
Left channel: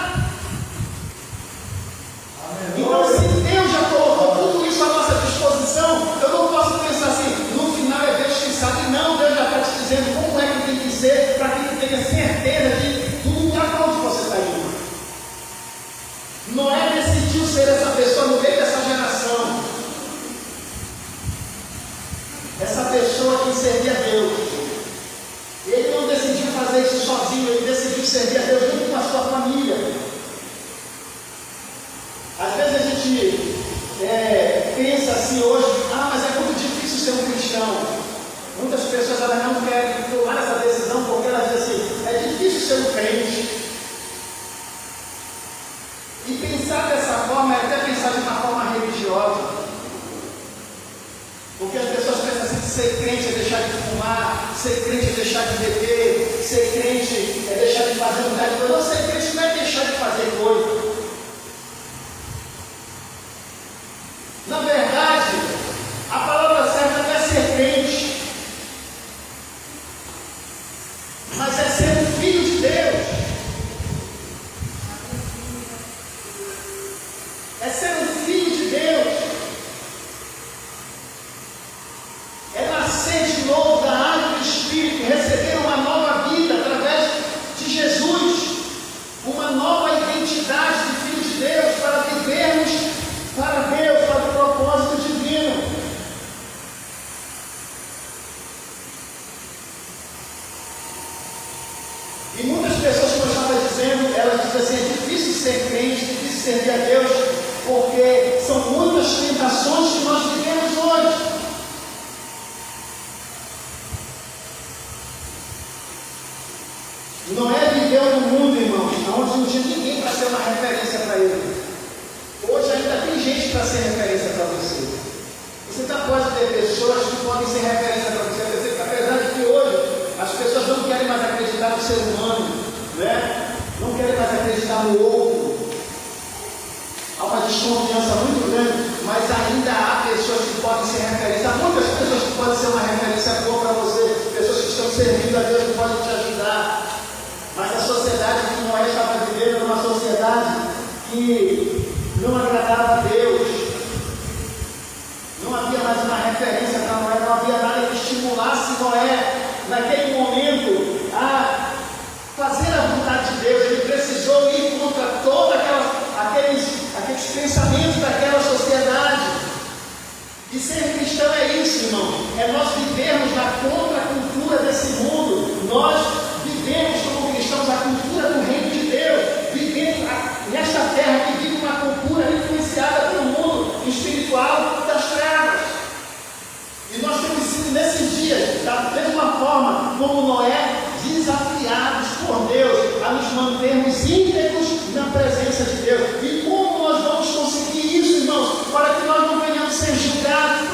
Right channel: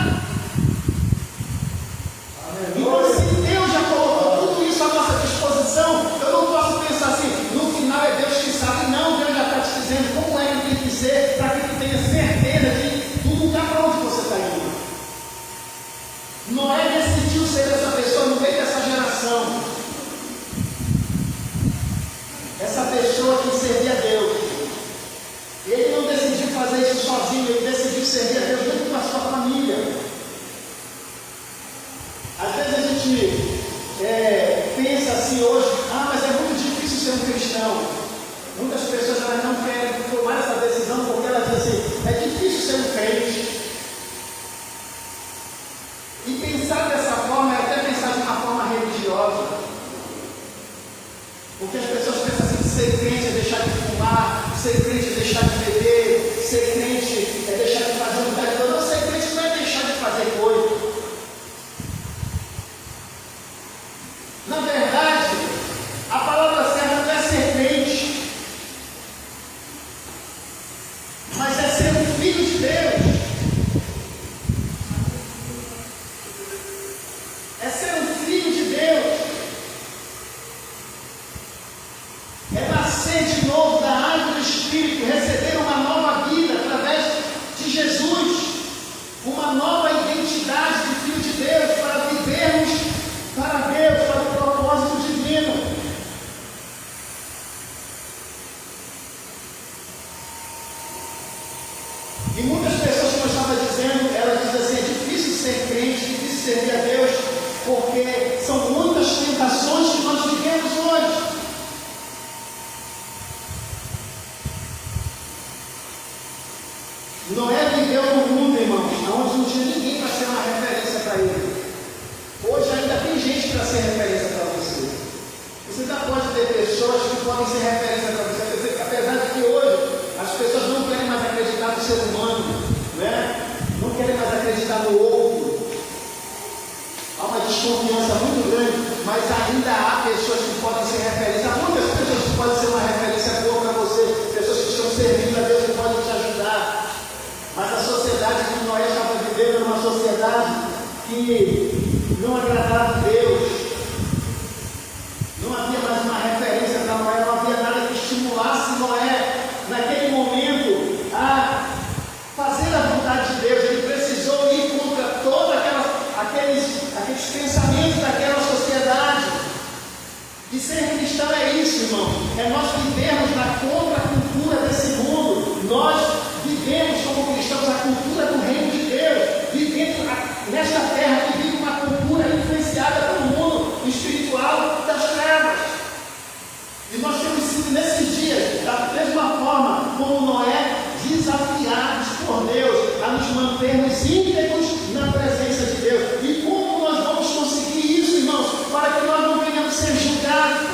Então, se Deus já colocou tudo isso à nossa disposição, eu não posso pensar assim, no final é Deus que sabe. Não, Deus já está te dizendo como é que tem que ser, para que tu tenha certeza de tudo está para onde você está indo. Noé decidiu ser essa pessoa no meio dessa geração. Essa pessoa que servia a Deus. Ele não decidiu fazer isso sozinho, ele decidiu servir a Deus junto com a sua família. Às vezes a gente pensa assim hoje, mas é muito difícil ser um cristão. Muitas pessoas elas não querem tomar essa decisão porque elas dizem assim, é difícil ser um crente. E pensar dessa forma é até pensar de uma forma religiosa. Porque as pessoas pensam assim que ser crente é deixar de fumar, ser crente é deixar de beber, ser crente é deixar de fazer muita coisa. Não, ser crente não é deixar de fazer coisa. Na verdade, a palavra certa não é ser crente, mas é ser um filho de Deus. É ser um filho de Deus. É nascer de novo da água do Espírito, receber uma nova vida através de Jesus, uma nova identidade de filho de Deus, para vivermos para Deus, para o propósito divino. E muitas pessoas, como eu estava dizendo, elas dizem assim, é difícil ser crente, é difícil servir a Deus, porque são muitas tentações que nós vivemos hoje. Noé viveu no mundo, irmãos, onde não tinha ninguém para ser uma referência para ele. Hoje ainda tem gente para ser referência para você. Você ainda pode ter pessoas que podem ser referência para você. Apesar de que hoje as pessoas não querem mais acreditar no ser humano, né? Não querem mais acreditar no outro. Há uma desconfiança muito grande, mas ainda há pessoas que podem ser referência. Há muitas pessoas que podem ser uma referência boa para você, pessoas que estão servindo a Deus que podem te ajudar. Mas a sociedade que Noé estava vivendo era uma sociedade que não agradava a Deus. Não havia mais uma referência para Noé, não havia nada que estimulasse Noé naquele momento a ser cristão é isso, irmão. É nós vivermos na contracultura desse mundo. Nós vivemos como cristãos a cultura do reino de Deus. Vivemos nesta terra que vive uma cultura influenciada pelo mundo espiritual das trevas. E nós temos sido nesses dias, da mesma forma como Noé, desafiados por Deus a nos mantermos íntegros na presença de Deus. E como nós vamos conseguir isso, irmãos, para que nós não venhamos ser julgados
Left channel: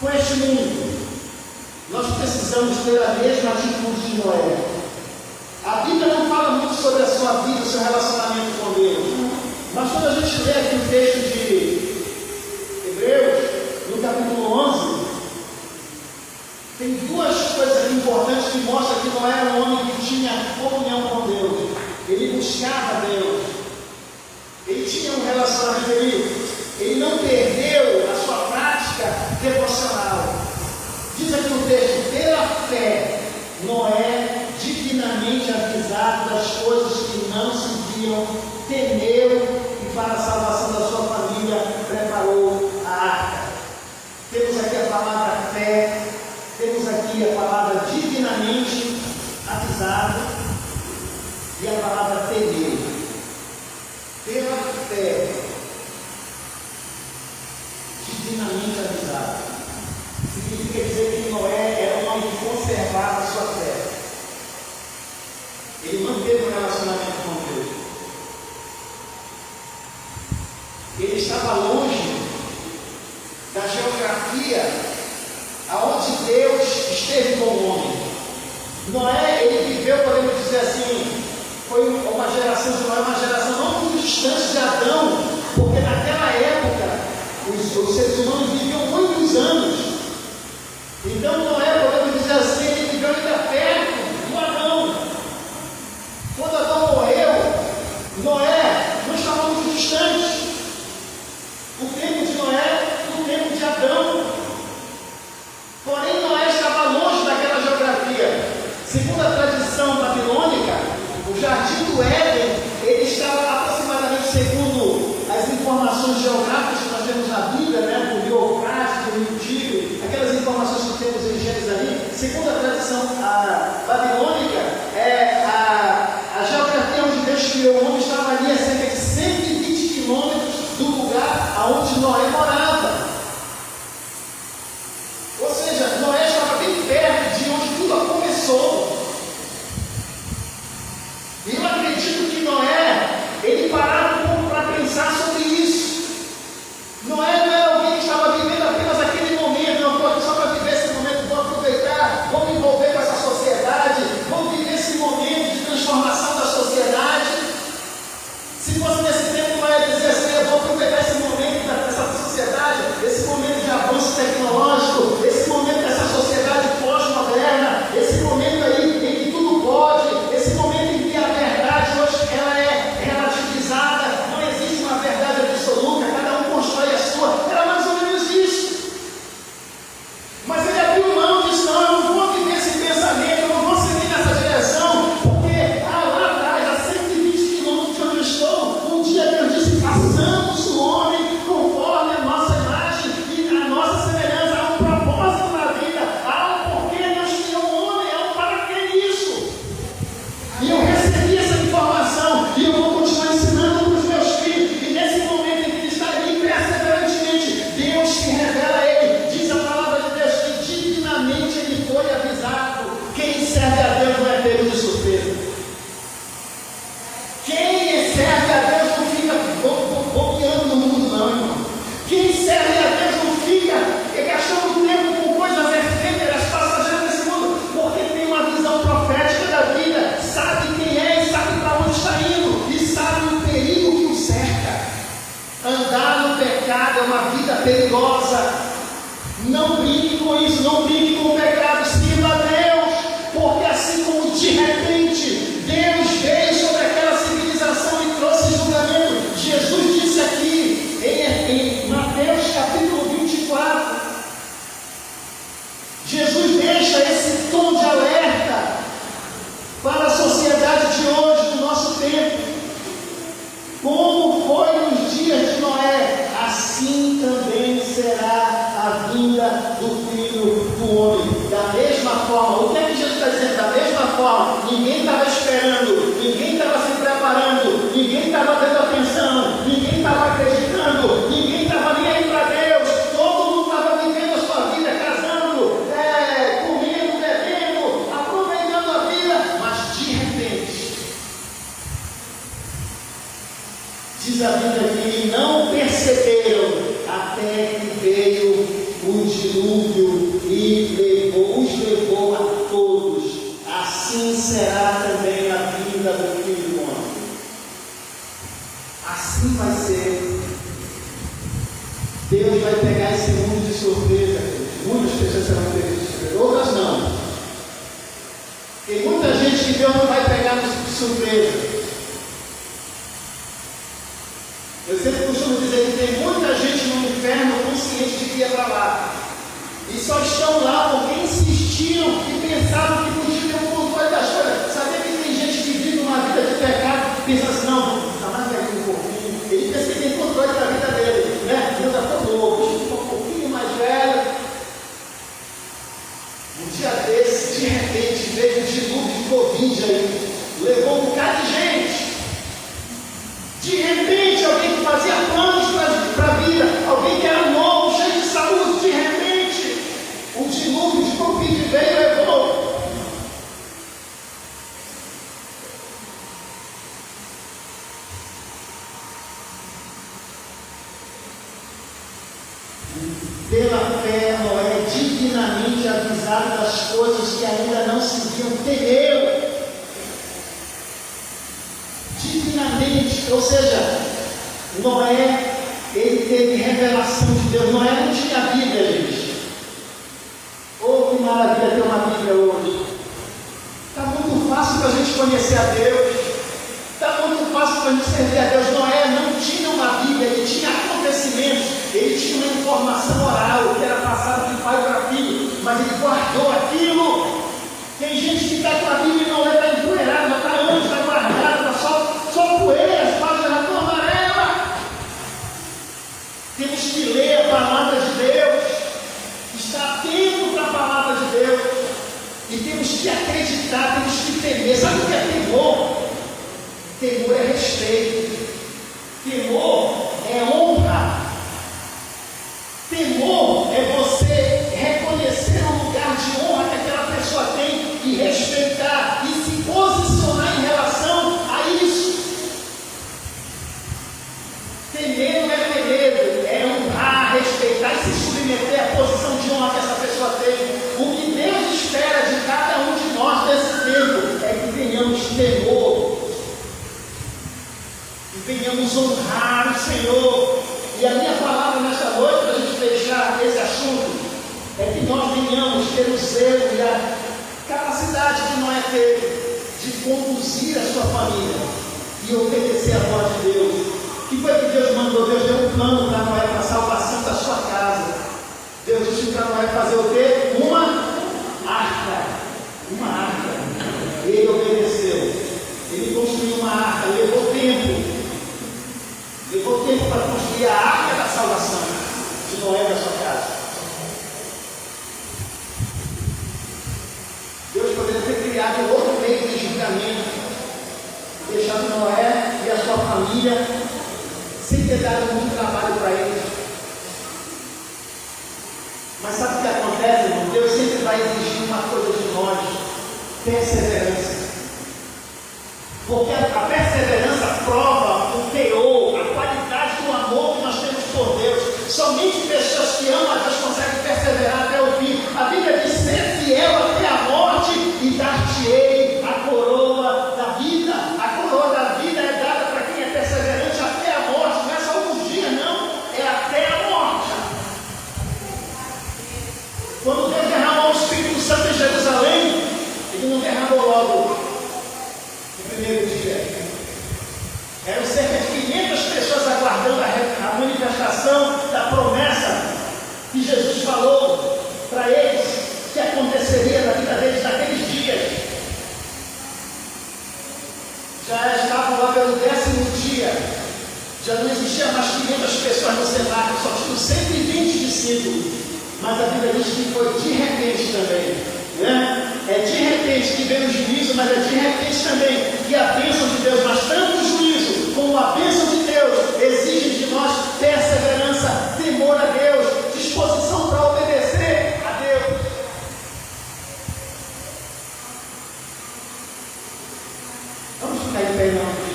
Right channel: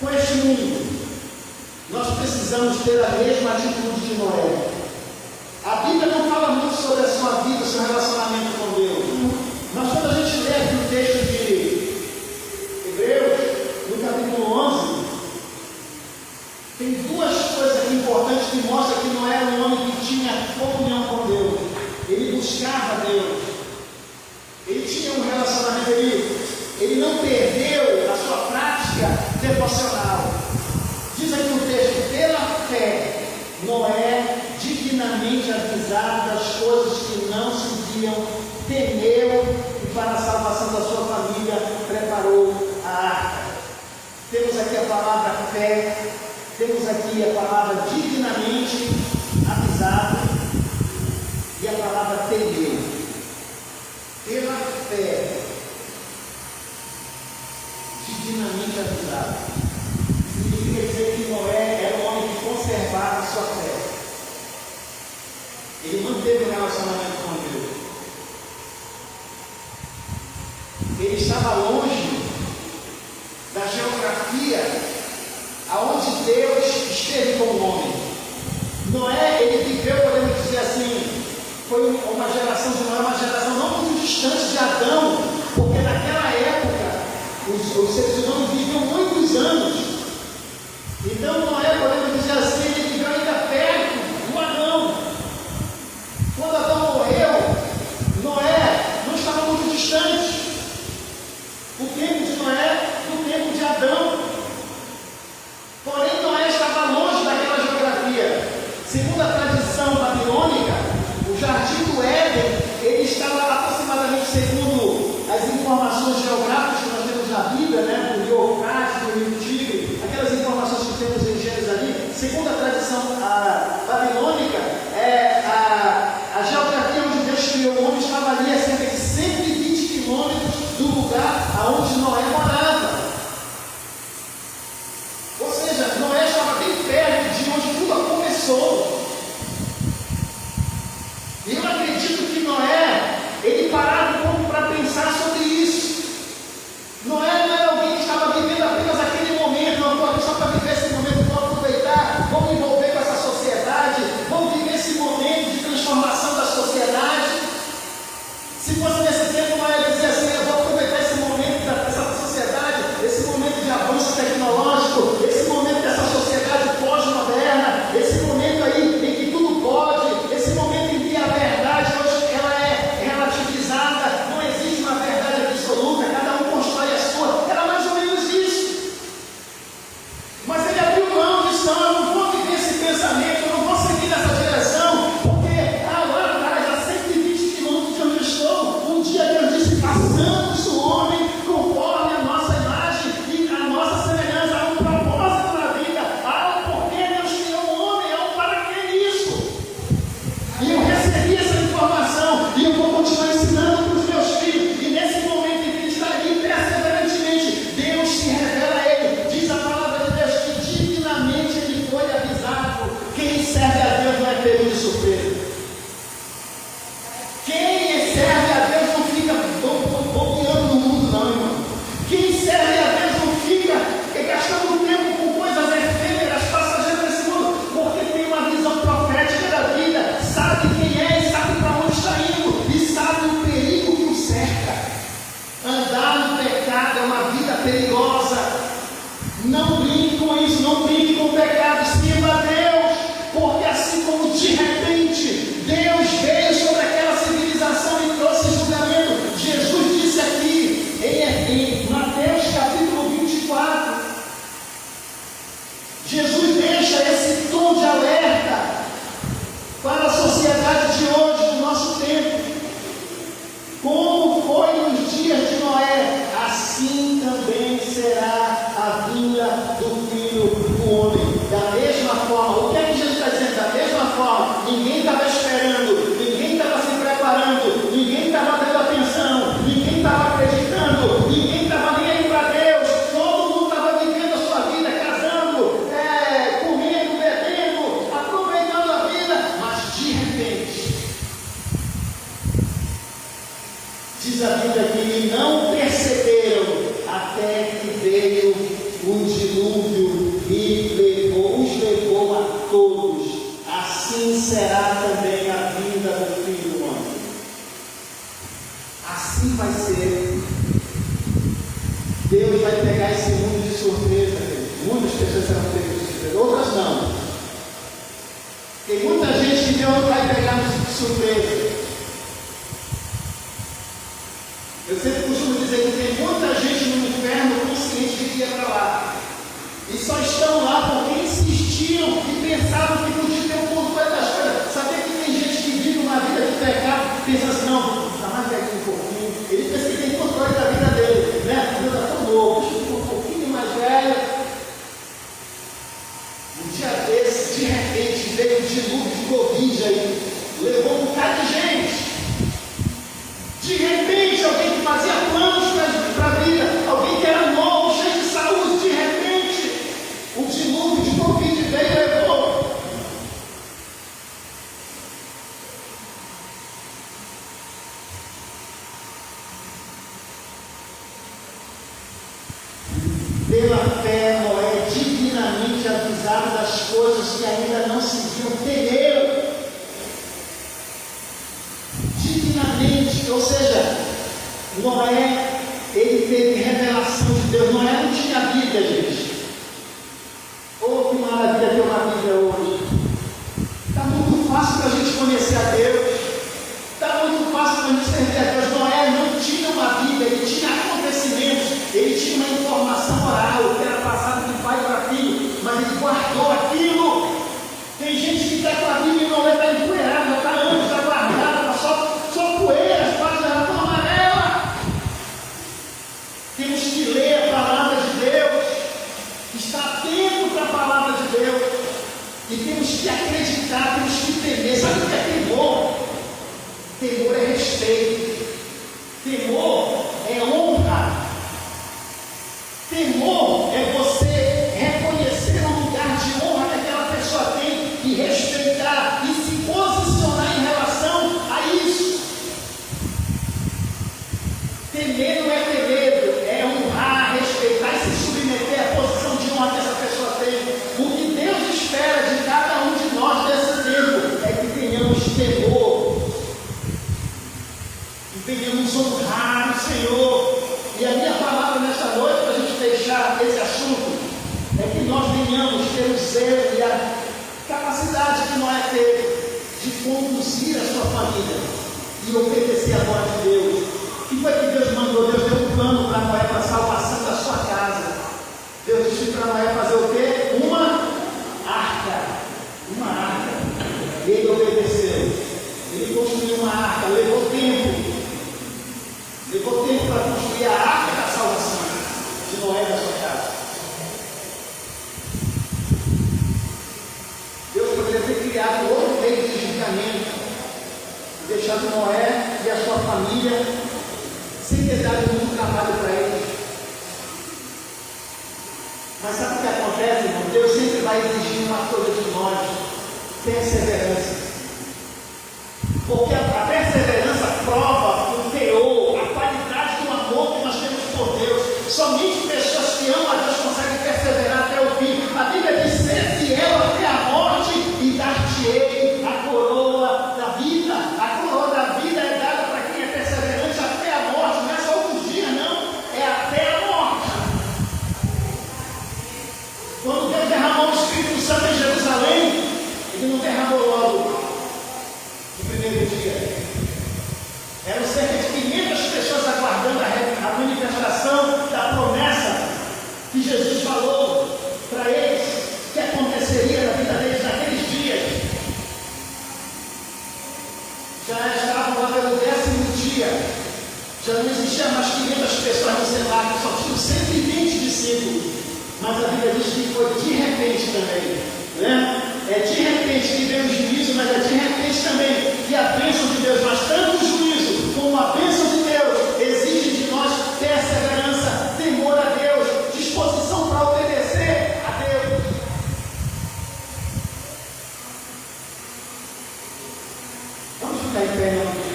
com este mundo? Nós precisamos ter a mesma atitude de Noé. A Bíblia não fala muito sobre a sua vida, o seu relacionamento com Deus. Mas quando a gente lê aqui o texto de Hebreus, no capítulo 11, tem duas coisas importantes que mostram que não era um homem que tinha comunhão com Deus. Ele buscava Deus. Ele tinha um relacionamento, ele não perdeu a sua prática devocional. Diz aqui o texto: pela fé, Noé, dignamente avisado das coisas que não se viam, temeu e para a salvação da sua família preparou a arca. Temos aqui a palavra fé, temos aqui a palavra dignamente avisado e a palavra temeu. Pela fé, dignamente avisado, significa dizer que Noé era um homem que conservava a sua fé. Ele manteve o relacionamento com Deus. Ele estava longe da geografia aonde Deus esteve com o homem. Noé, ele viveu, podemos dizer assim, foi uma geração de Noé, uma geração não muito distante de Adão, porque naquela época os seres humanos viviam muitos anos. Então Noé, podemos dizer assim, ele viveu ainda perto do Adão. Quando Adão morreu, Noé não estava muito distante. O tempo de Noé do tempo de Adão. Porém, Noé estava longe daquela geografia. Segundo a tradição babilônica, o jardim do Éden, ele estava aproximadamente, segundo as informações geográficas que nós temos na Bíblia, né, do rio Eufrates, do rio Tigre, aquelas informações que temos em Gênesis ali, segundo a tradição babilônica, a geografia onde Deus criou o homem estava ali a cerca de 120 quilômetros do lugar aonde Noé morava. Ou seja, Noé estava bem perto de onde tudo começou. E eu acredito que Noé, ele parava um pouco para pensar sobre isso. Noé não era alguém que estava vivendo apenas aquele momento, não foi só para viver esse momento, vou aproveitar, vou me envolver com essa sociedade, vou viver esse momento de transformação da sociedade. Se fosse nesse tempo, Noé dizia assim: eu vou aproveitar esse momento dessa sociedade, esse momento de avanço tecnológico, esse momento dessa sociedade pós-moderna, esse momento aí em que tudo pode, esse momento em que a verdade hoje ela é relativizada, não existe uma verdade absoluta, cada um constrói a sua. Era mais ou menos isso. Mas ele abriu mão disso: não, eu não vou viver esse pensamento, eu não vou seguir nessa direção, porque lá atrás, a 120 quilômetros de onde eu estou, um dia Deus disse: façamos o homem conforme a nossa imagem e a nossa semelhança. Há um propósito na vida, há um porquê Deus criou o homem, há um para que isso. E eu recebi essa informação e eu vou continuar ensinando para os meus filhos. E nesse momento em que ele está ali perseverantemente, Deus se revela a ele. Diz a palavra de Deus que dignamente ele foi avisado. Quem serve a Deus não é pego de surpresa. Quem serve a Deus não fica bobeando no mundo, não, irmão. Quem serve a Deus não fica gastando tempo com coisas efêmeras, passageiras desse mundo, porque tem uma visão profética da vida, sabe quem é e sabe para onde está indo, e sabe o perigo que o cerca. Andar no pecado é uma vida perigosa. Não brinque com isso, não brinque com o pecado, sirva a Deus, porque assim como de repente Deus veio sobre aquela civilização e trouxe julgamento. Jesus disse aqui em Mateus capítulo 24, Jesus deixa esse tom de alerta para a sociedade de hoje, no nosso tempo. Como foi nos dias de Noé, assim também será estava esperando, ninguém estava se preparando, ninguém estava tendo atenção, ninguém estava acreditando, ninguém estava nem aí para Deus, todo mundo estava vivendo a sua vida, casando, comendo, bebendo, aproveitando a vida, mas de repente, diz a Bíblia que não perceberam até que veio o dilúvio e os levou a todos. Assim será também a vinda do Filho do Homem. Assim vai ser. Deus vai pegar esse mundo de surpresa. Muitas pessoas serão pegas de surpresa, outras não. Tem muita gente que Deus não vai pegar de surpresa. Eu sempre costumo dizer que tem muita gente no inferno consciente de que ia para lá. E só estão lá porque insistiam e pensavam que podiam ter um controle das coisas. Sabia que tem gente que vive uma vida de pecado e pensa assim, não, está mais velho um pouquinho. Ele pensa que tem controle da vida dele, né? Deus está tão louco, deixa eu ficar um pouquinho mais velho. Um dia desse, de repente, veio um dilúvio de Covid aí, levou um bocado de gente. De repente, alguém que fazia planos para a vida, alguém que era novo, cheio de saúde, de repente, um dilúvio de Covid veio e levou. Pela fé, Noé, divinamente avisado das coisas que ainda não se viam, temeu. Divinamente, ou seja, Noé, ele teve revelação de Deus. Noé não tinha Bíblia, gente. Oh, que maravilha ter uma Bíblia hoje. Está muito fácil para a gente conhecer a Deus. Está muito fácil para a gente servir a Deus. Noé não tinha uma Bíblia, ele tinha acontecimentos, ele tinha uma informação oral, que era passada de pai para filho, mas ele guardou aquilo. Tem gente que está com a Bíblia e não está empoeirada, já está anos, está guardada, está só poeira, as páginas já estão amarelas. Temos que ler a palavra de Deus, estar atento para a palavra de Deus, e temos que acreditar, temos que temer. Sabe o que é temor? Temor é respeito, temor é honra, temor é você reconhecer o lugar de honra que aquela pessoa tem e respeitar e se posicionar em relação a isso. Temer não é ter medo, é honrar, respeitar e se submeter à posição de honra que essa pessoa tem. O que Deus espera de cada um de nós nesse tempo é que tenhamos temor e venhamos honrar o Senhor. E a minha palavra nessa noite, para a gente fechar esse assunto, é que nós venhamos ter o zelo e a capacidade que Noé teve de conduzir a sua família e obedecer a voz de Deus. O que foi que Deus mandou? Deus deu um plano para Noé para a salvação da sua casa. Deus disse para Noé fazer o quê? Uma arca. Uma arca. E ele obedeceu. Ele construiu uma arca, levou tempo. Levou tempo para construir a arca da salvação de Noé da sua casa. Deus poderia ter criado um outro meio de julgamento, deixado Noé e a sua família sem ter dado muito trabalho para eles. Mas sabe o que acontece, irmão? Deus sempre vai exigir uma coisa de nós: perseverança. Porque a perseverança prova o teor, a qualidade do amor que nós temos por Deus. Somente pessoas que amam a Deus conseguem perseverar até o fim. A Bíblia diz: ser fiel até a morte e dar-te-ei a coroa da vida. A coroa da vida é dada para quem é perseverante até a morte. Não é só alguns dias, não. É até a morte. Quando Deus derramou o Espírito Santo em Jerusalém, Ele não derramou logo no primeiro dia. Eram cerca de 500 pessoas aguardando a manifestação da promessa que Jesus falou para eles que aconteceria na vida deles naqueles dias. Já estavam lá pelo 10º dia, já não existia mais 500 pessoas no cenáculo, só tinham 120 discípulos. Mas a Bíblia diz que foi de repente também, né? É de repente que vem o juízo, mas é de repente também que a bênção de Deus, mas tanto o juízo como a bênção de Deus exige de nós perseverança, temor a Deus, disposição para obedecer a Deus. Vamos ficar em pé, não?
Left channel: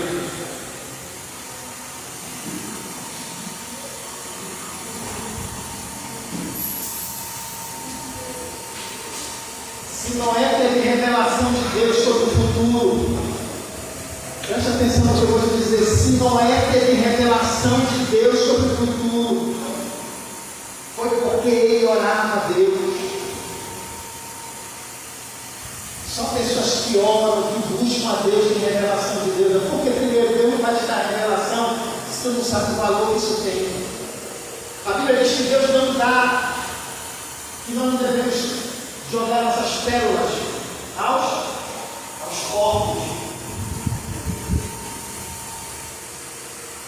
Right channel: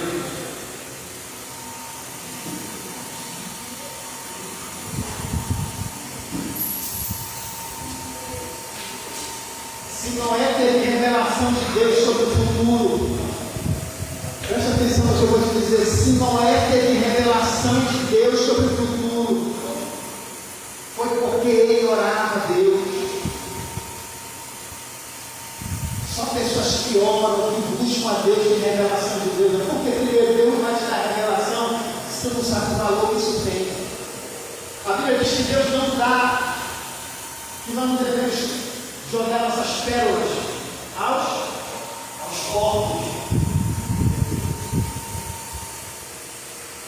Se Noé teve revelação de Deus sobre o futuro, preste atenção no que eu vou te dizer. Se Noé teve revelação de Deus sobre o futuro, foi porque ele orava a Deus. Só pessoas que oram, que buscam a Deus em revelação de Deus. É porque primeiro Deus não vai te dar revelação se tu não sabe o valor que isso tem. A Bíblia diz que Deus não dá, que nós não devemos jogar essas pérolas aos corpos.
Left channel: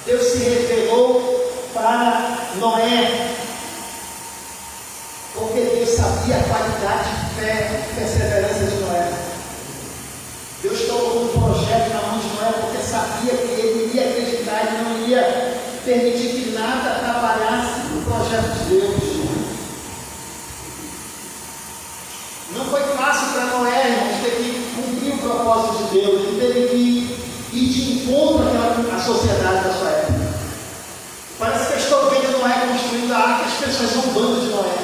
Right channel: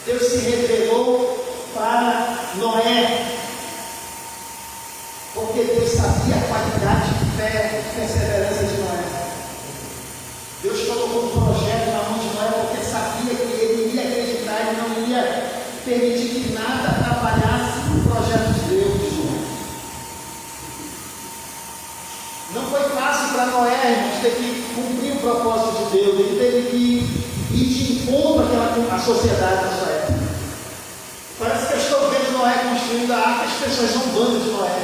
Deus se revelou para Noé, porque Deus sabia a qualidade de fé e perseverança de Noé. Deus colocou um projeto na mão de Noé, porque sabia que ele iria acreditar e não ia permitir que nada atrapalhasse o projeto de Deus. Não foi fácil para Noé, irmãos, ter que cumprir o propósito de Deus. Ele teve que ir de encontro à sociedade da sua época. Parece que eu estou vendo Noé construindo a arca, as pessoas zombando de Noé.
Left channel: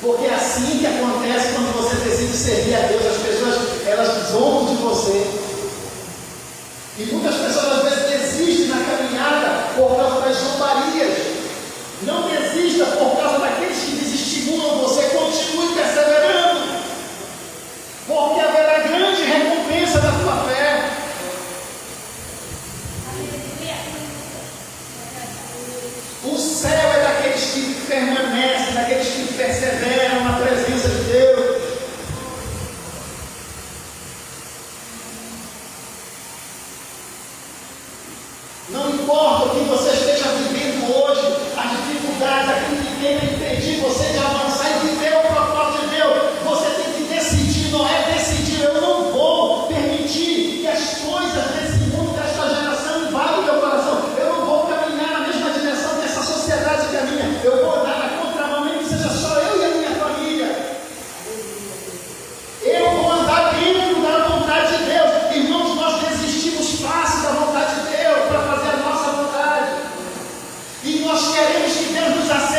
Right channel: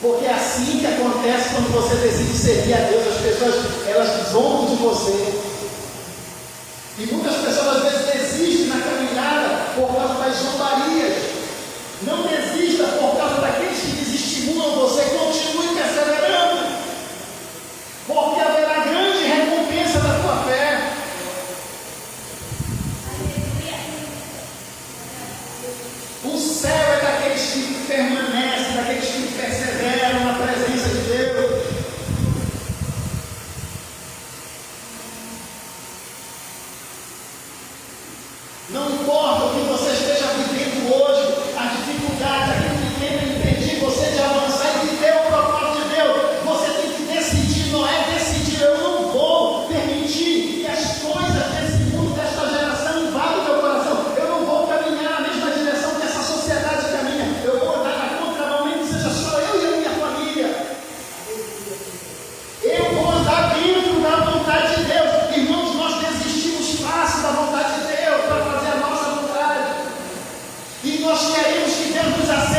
Porque é assim que acontece quando você decide servir a Deus. As pessoas, elas zombam de você. E muitas pessoas às vezes desistem na caminhada por causa das zombarias. Não desista por causa daqueles que desestimulam você. Continue perseverando, porque haverá grande recompensa da tua fé. O céu é daqueles que permanecem, daqueles que perseveram na presença de Deus. Não importa o que você esteja vivendo hoje, a dificuldade, aquilo que tem impedido você de avançar e viver o propósito de Deus, você tem que decidir. Não é decidir, eu não vou permitir que as coisas desse mundo, desta geração, invadam meu coração. Eu não vou caminhar na mesma direção que essa sociedade caminha. Eu vou andar na contramão, mesmo que seja só eu e a minha família. Eu vou andar dentro da vontade de Deus. Irmãos, nós desistimos fácil da vontade de Deus para fazer a nossa vontade. E nós queremos que Deus nos acerte.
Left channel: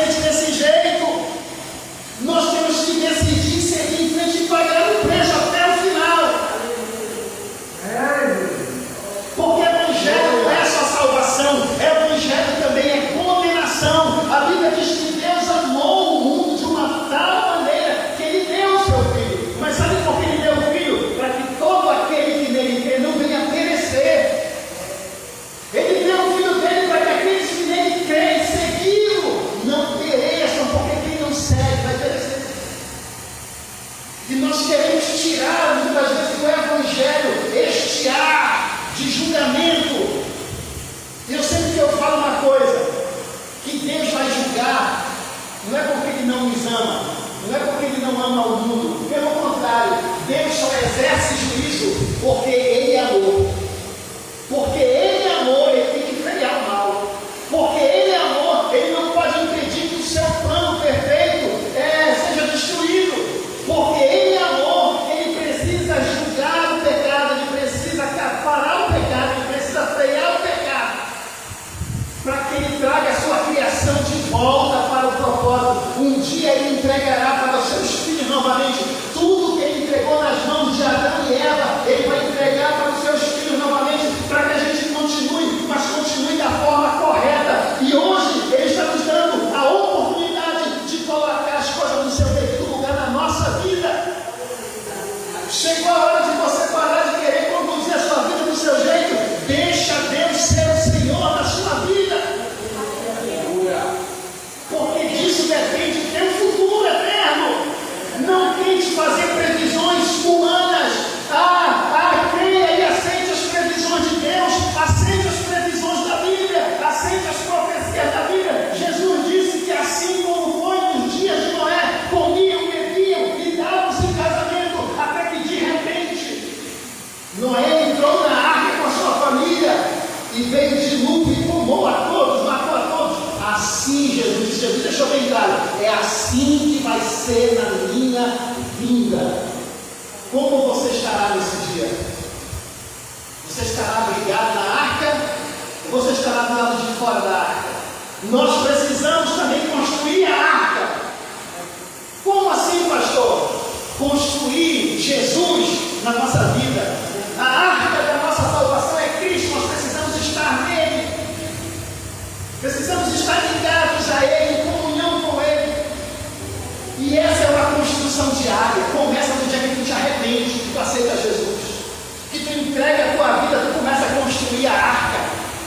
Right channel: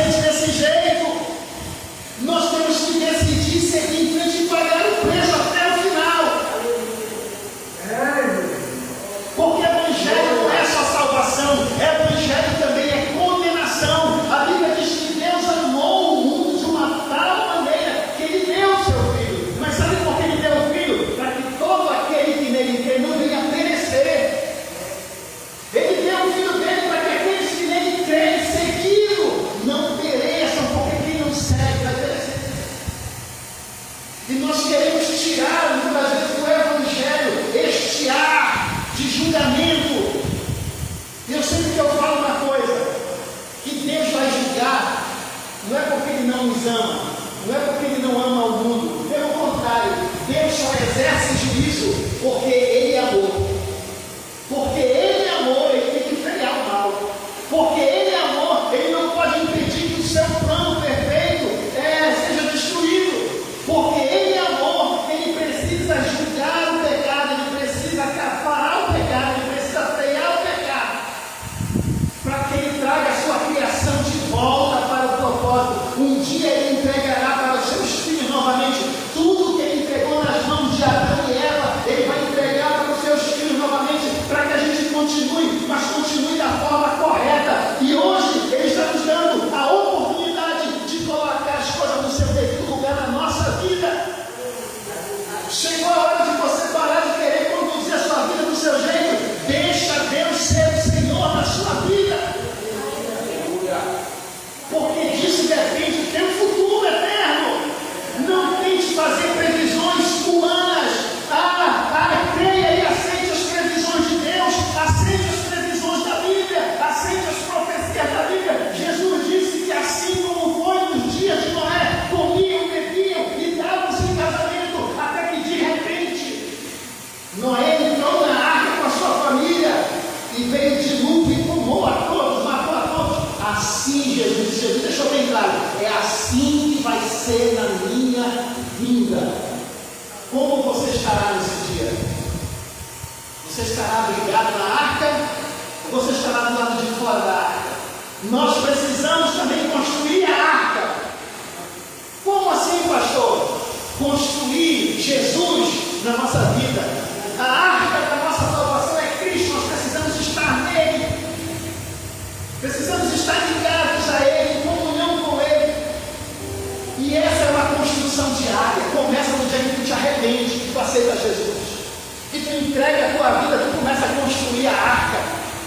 Noé entrou na arca com a sua família e veio de dilúvio e tomou a todos, matou a todos. Assim, Jesus deixou bem claro, é assim que vai ser na minha vinda. Como você estará nesse dia? Você estará ligado na arca ou você estará do lado de fora da arca? Nós precisamos também construir a arca. Como assim, pastor? Construir Jesus na nossa vida. A arca da nossa salvação é Cristo. Nós precisamos estar nele. Precisamos estar ligados a Ele, em comunhão com Ele. E essa é uma construção diária. Começa no dia que tu te arrepende, que tu aceita Jesus. Que tu entrega a tua vida, tu começa a construir a arca.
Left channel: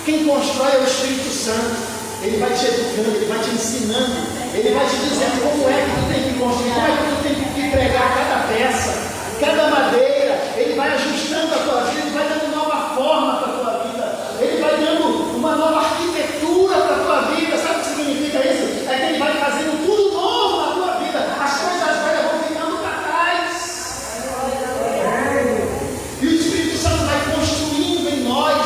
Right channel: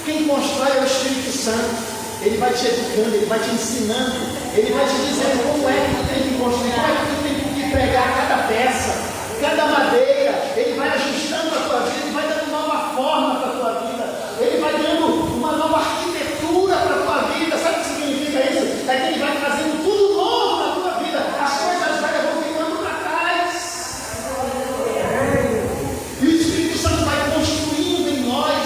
Quem constrói é o Espírito Santo. Ele vai te educando, ele vai te ensinando, ele vai te dizendo como é que tu tem que construir, como é que tu tem que pregar cada peça, cada madeira. Ele vai ajustando a tua vida, ele vai dando nova forma para a tua vida, ele vai dando uma nova arquitetura para a tua vida. Sabe o que significa isso? É que ele vai trazendo tudo novo na tua vida, as coisas velhas vão ficando para trás. E o Espírito Santo vai construindo em nós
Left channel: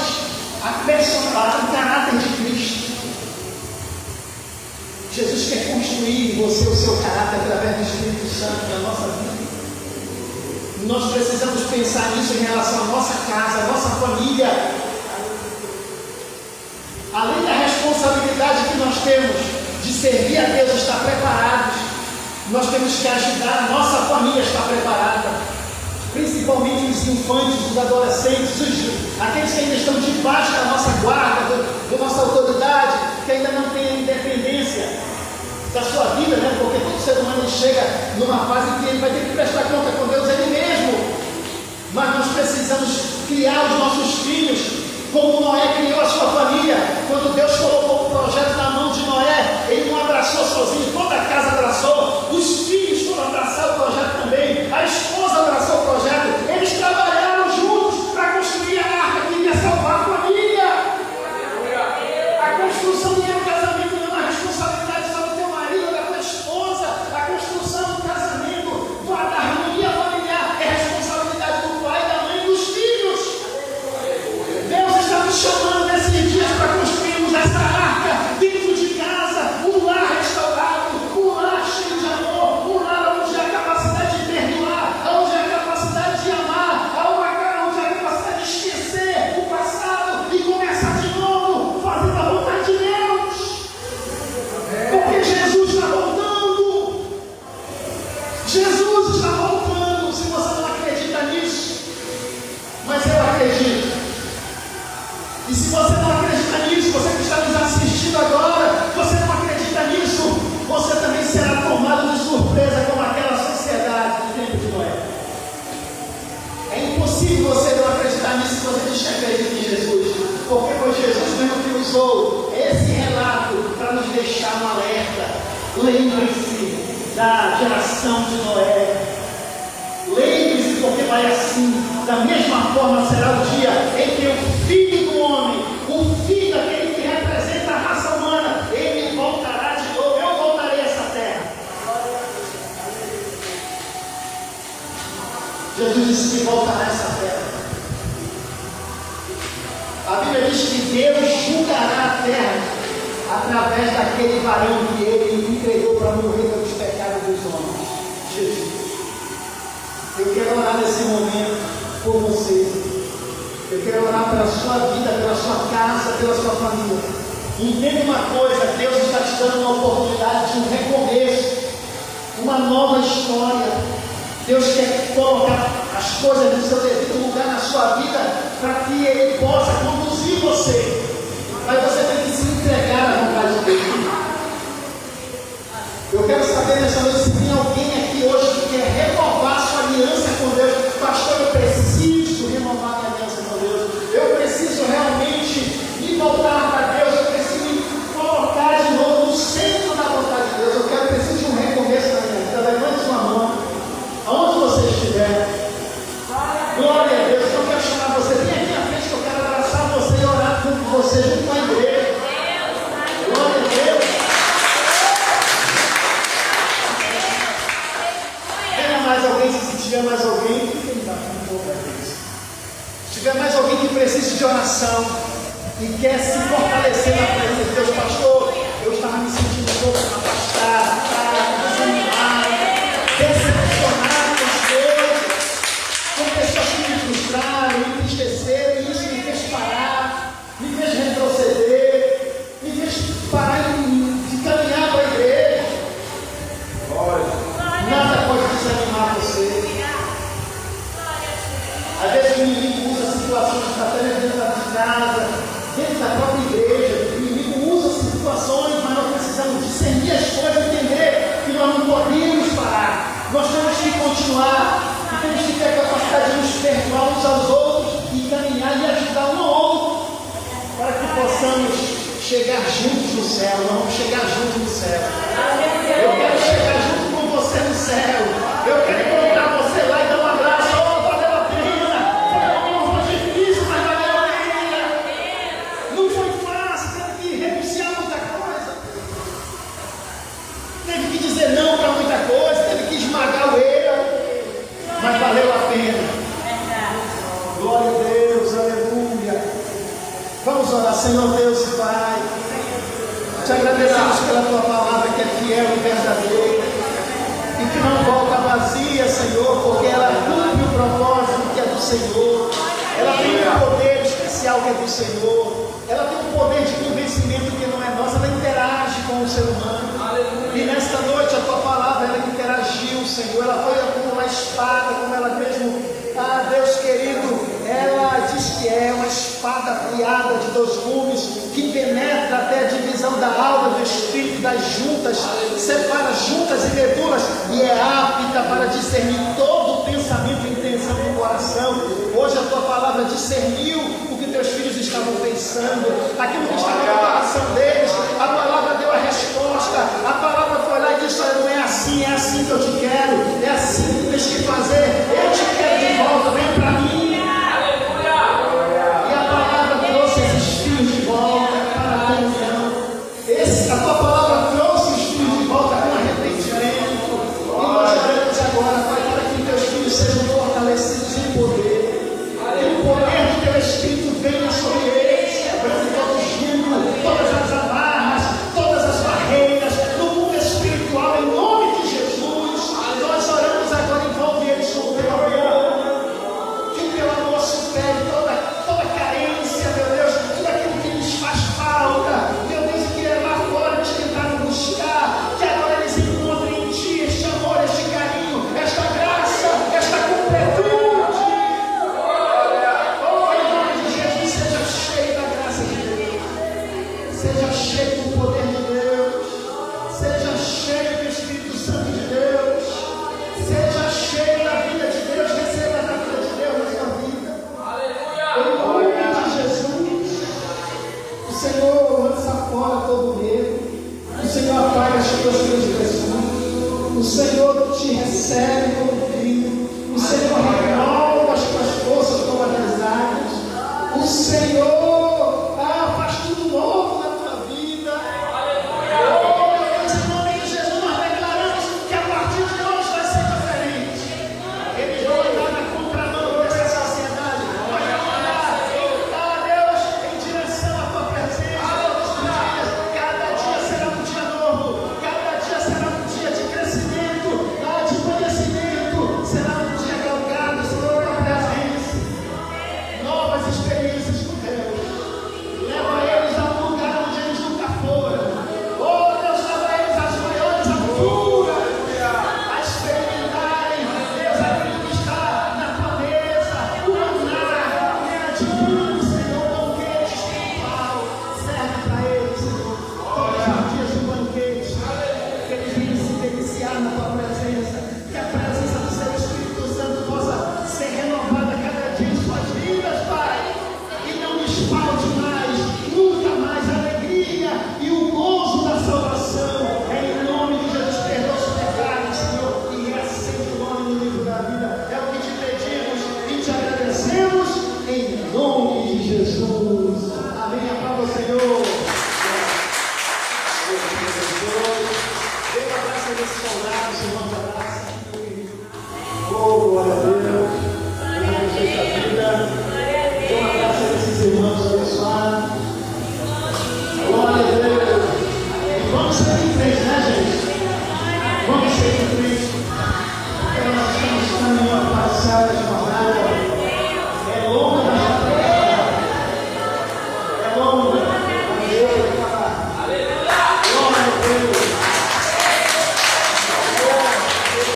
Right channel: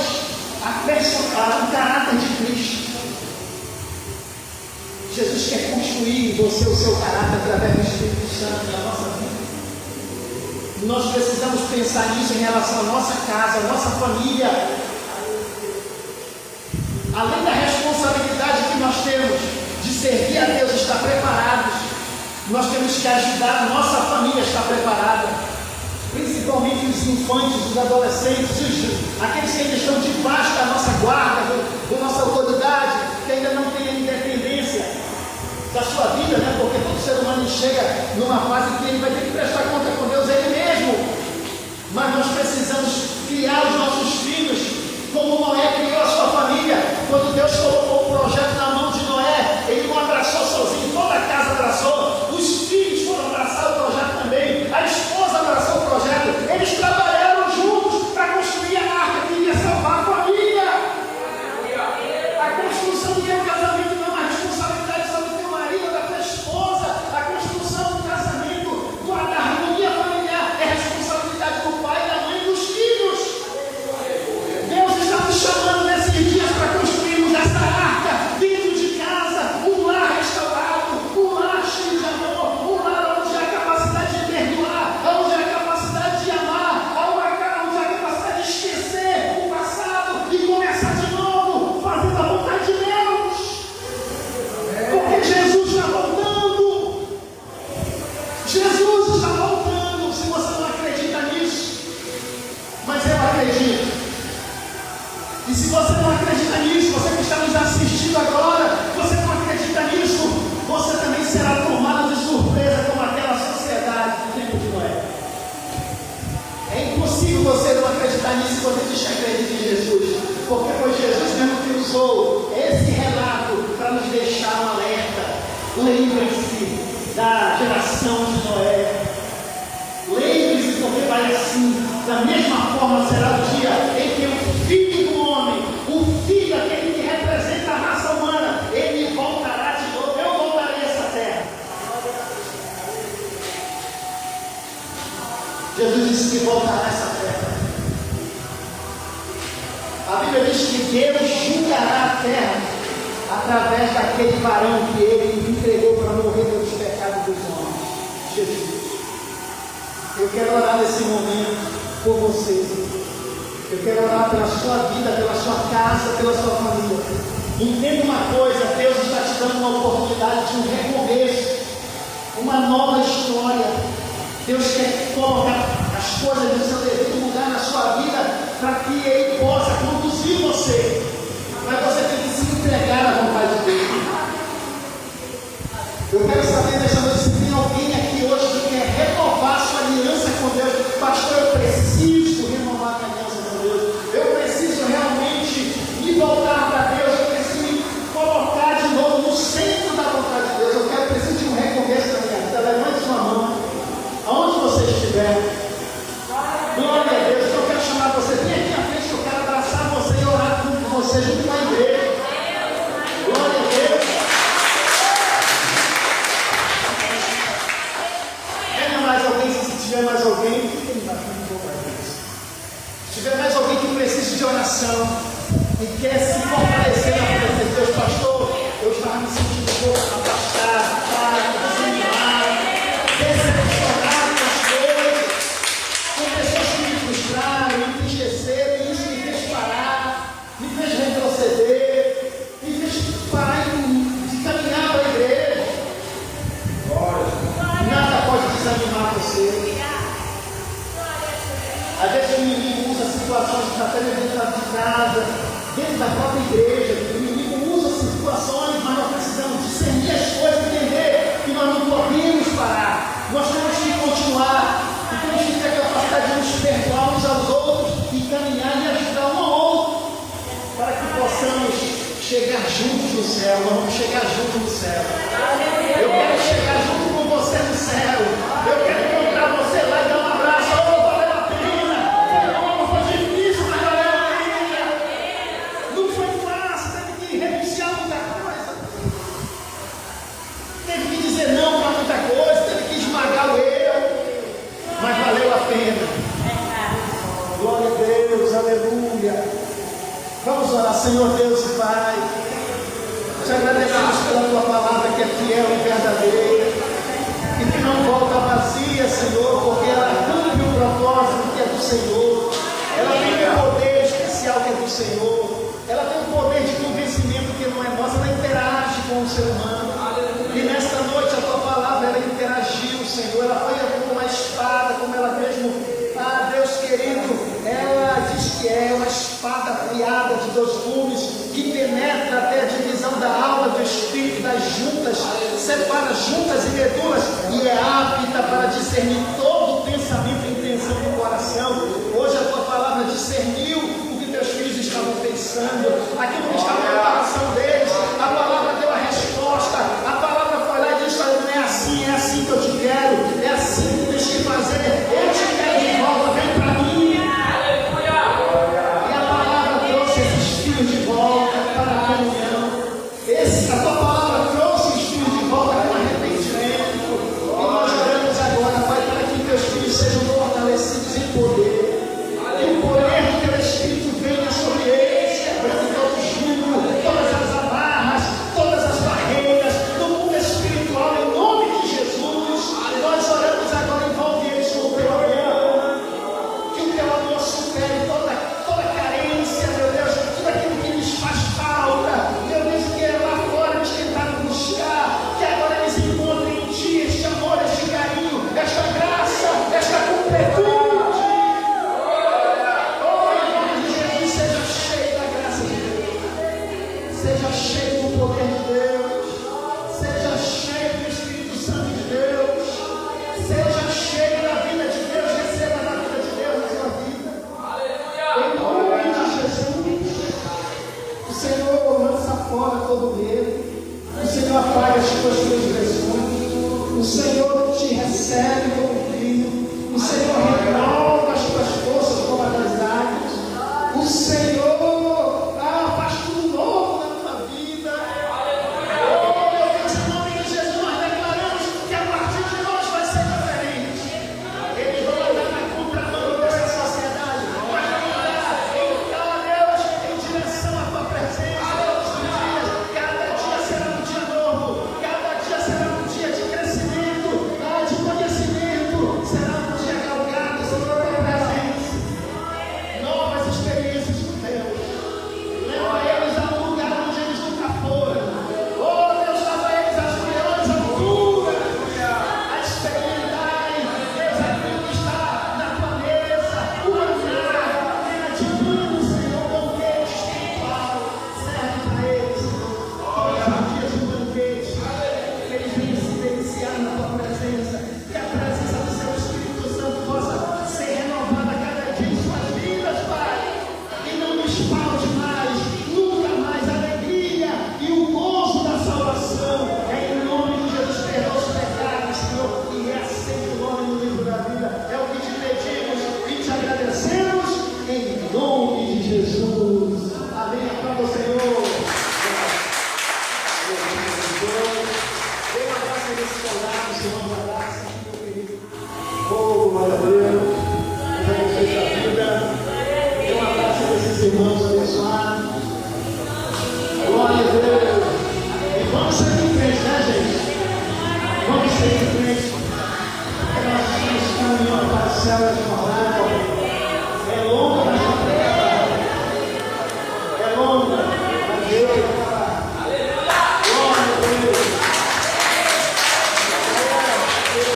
o caráter de Cristo. Jesus quer construir em você o seu caráter através do Espírito Santo na nossa vida. Nós precisamos pensar nisso em relação à nossa casa, à nossa família. Além da responsabilidade que nós temos de servir a Deus, estar preparados, nós temos que ajudar a nossa família a estar preparada. Principalmente os infantes, os adolescentes, aqueles que ainda estão debaixo da nossa guarda, da nossa autoridade, que ainda não têm independência da sua vida, né? Porque todo ser humano chega numa fase que ele vai ter que prestar conta com Deus ele mesmo. Mas nós precisamos criar os nossos filhos como Noé criou a sua família. Quando Deus colocou o projeto na mão de Noé, ele não abraçou sozinho, toda a casa abraçou, os filhos foram abraçar o projeto também, a esposa abraçou o projeto, eles trabalharam juntos para construir a arca que iria salvar a família. A construção de um casamento não é uma responsabilidade só do teu marido ou da tua esposa. A construção do casamento, da harmonia familiar, é responsabilidade do pai, da mãe e dos filhos. Deus está nos chamando nesses dias para construirmos essa arca dentro de casa, um lar restaurado, um lar cheio de amor, um lar onde há capacidade de perdoar, onde há capacidade de amar, onde há capacidade de esquecer o passado e começar de novo, fazendo a vontade de Deus. Porque Jesus está voltando. Jesus está voltando. Se você não acredita nisso, mas eu acredito. E se você não acredita nisso, você que está nos assistindo agora, você não acredita nisso, você também será tomado de surpresa como aquela sociedade do tempo de Noé. É impossível você não acreditar nisso se você diz que acredita em Jesus, porque foi Jesus mesmo que usou esse relato para nos deixar um alerta. Lembre-se da geração de Noé. Lembre-se, porque vai assim. Da mesma forma será o dia em que o Filho do Homem, o Filho, aquele que representa a raça humana, ele voltará de novo. Eu voltarei a essa terra. Jesus disse que voltará a essa terra. A Bíblia diz que Deus julgará a terra através daquele varão que ele entregou para morrer pelos pecados dos homens. Jesus. Eu quero orar nesse momento por vocês. Eu quero orar pela sua vida, pela sua casa, pela sua família. Entenda uma coisa: Deus está te dando uma oportunidade de um recomeço, uma nova história. Deus quer colocar as coisas no seu devido lugar na sua vida para que Ele possa conduzir você. Mas você tem que se entregar à vontade dele. Eu quero saber nessa noite se tem alguém aqui hoje que quer renovar sua aliança com Deus. Pastor, eu preciso renovar a aliança com Deus. Eu preciso realmente me voltar para Deus. Eu preciso me colocar de novo no centro da vontade de Deus. Eu preciso de um recomeço na minha vida. Levante sua mão, aonde você estiver. Glória a Deus. Eu quero chamar você. Vem aqui na frente que eu quero abraçar você e orar com você junto com a igreja. Glória a Deus. Tenha mais alguém, se tiver mais alguém, fiquem na frente outra vez. tiver mais alguém que precise de oração e quer se fortalecer na presença de Deus, pastor, eu estava me sentindo um pouco afastado, desanimado, decepcionado com as coisas, com pessoas que me frustraram, me entristeceram, e isso me fez parar, me fez retroceder, me fez parar de caminhar para a igreja. Nada pode desanimar você. Às vezes o inimigo usa situações que está até dentro de casa, dentro da própria igreja. O inimigo usa situações, mas nós precisamos discernir as coisas e entender que nós não podemos parar. Nós temos que continuar, e temos que ter a capacidade de nos perdoar uns aos outros e caminhar e ajudar um ao outro, para que possamos chegar juntos no céu. Nós vamos chegar juntos no céu. Eu quero chegar junto com você no céu. Eu quero encontrar você lá e dar um abraço. Não para muita coisa, teve que esmagar o erro, mas valeu a pena. Glória a Deus, aleluia. Vamos orar, Senhor Deus e Pai. Te agradecemos pela tua palavra que é fiel e verdadeira e que não volta vazia, Senhor, porque ela cumpre o propósito que é do Senhor. Ela tem um poder especial que é do Senhor. Ela tem um poder de convencimento que não é nosso. Ela interage com o ser humano. E nesta noite a tua palavra, ela interagiu, Senhor. Ela foi como uma espada, como ela mesmo, Deus querido, ela diz que é uma espada afiada de 2 gumes, que penetra até a divisão da alma, do espírito, das juntas, separa juntas e medulas, e é apta para discernir todo o pensamento e intenção do coração. Hoje a tua palavra discerniu o que teus filhos estavam pensando, aquilo que estava no coração deles. A palavra deu a resposta. A palavra foi lá e disse: não é assim que eu te quero, é assim que tens que fazer, eu te quero de volta, vem para mim. E a palavra trouxe esses filhos de volta para a comunhão. A tua palavra trouxe os filhos de volta com arrependimento. E nós oramos agora, Pai, para que teus filhos sejam fortalecidos em poder, e o poder do teu Espírito venha sobre eles, para que todos vivam todas as amarras, todas as barreiras do mundo espiritual, em nome de Jesus. Nós oramos agora, envolve eles com o teu amor, que o teu amor supere toda carência, meu Deus, tudo aquilo que lhes faz falta, meu Deus, que é lá fora eles tentaram buscar, que agora eles encontrem em ti este amor, este carinho, esta graça, esta completude. Seja cheio do poder de Deus, seja cheio do Espírito Santo de Deus, seja cheio da vida de Deus, receba da vida de Deus na sua vida. Aleluia!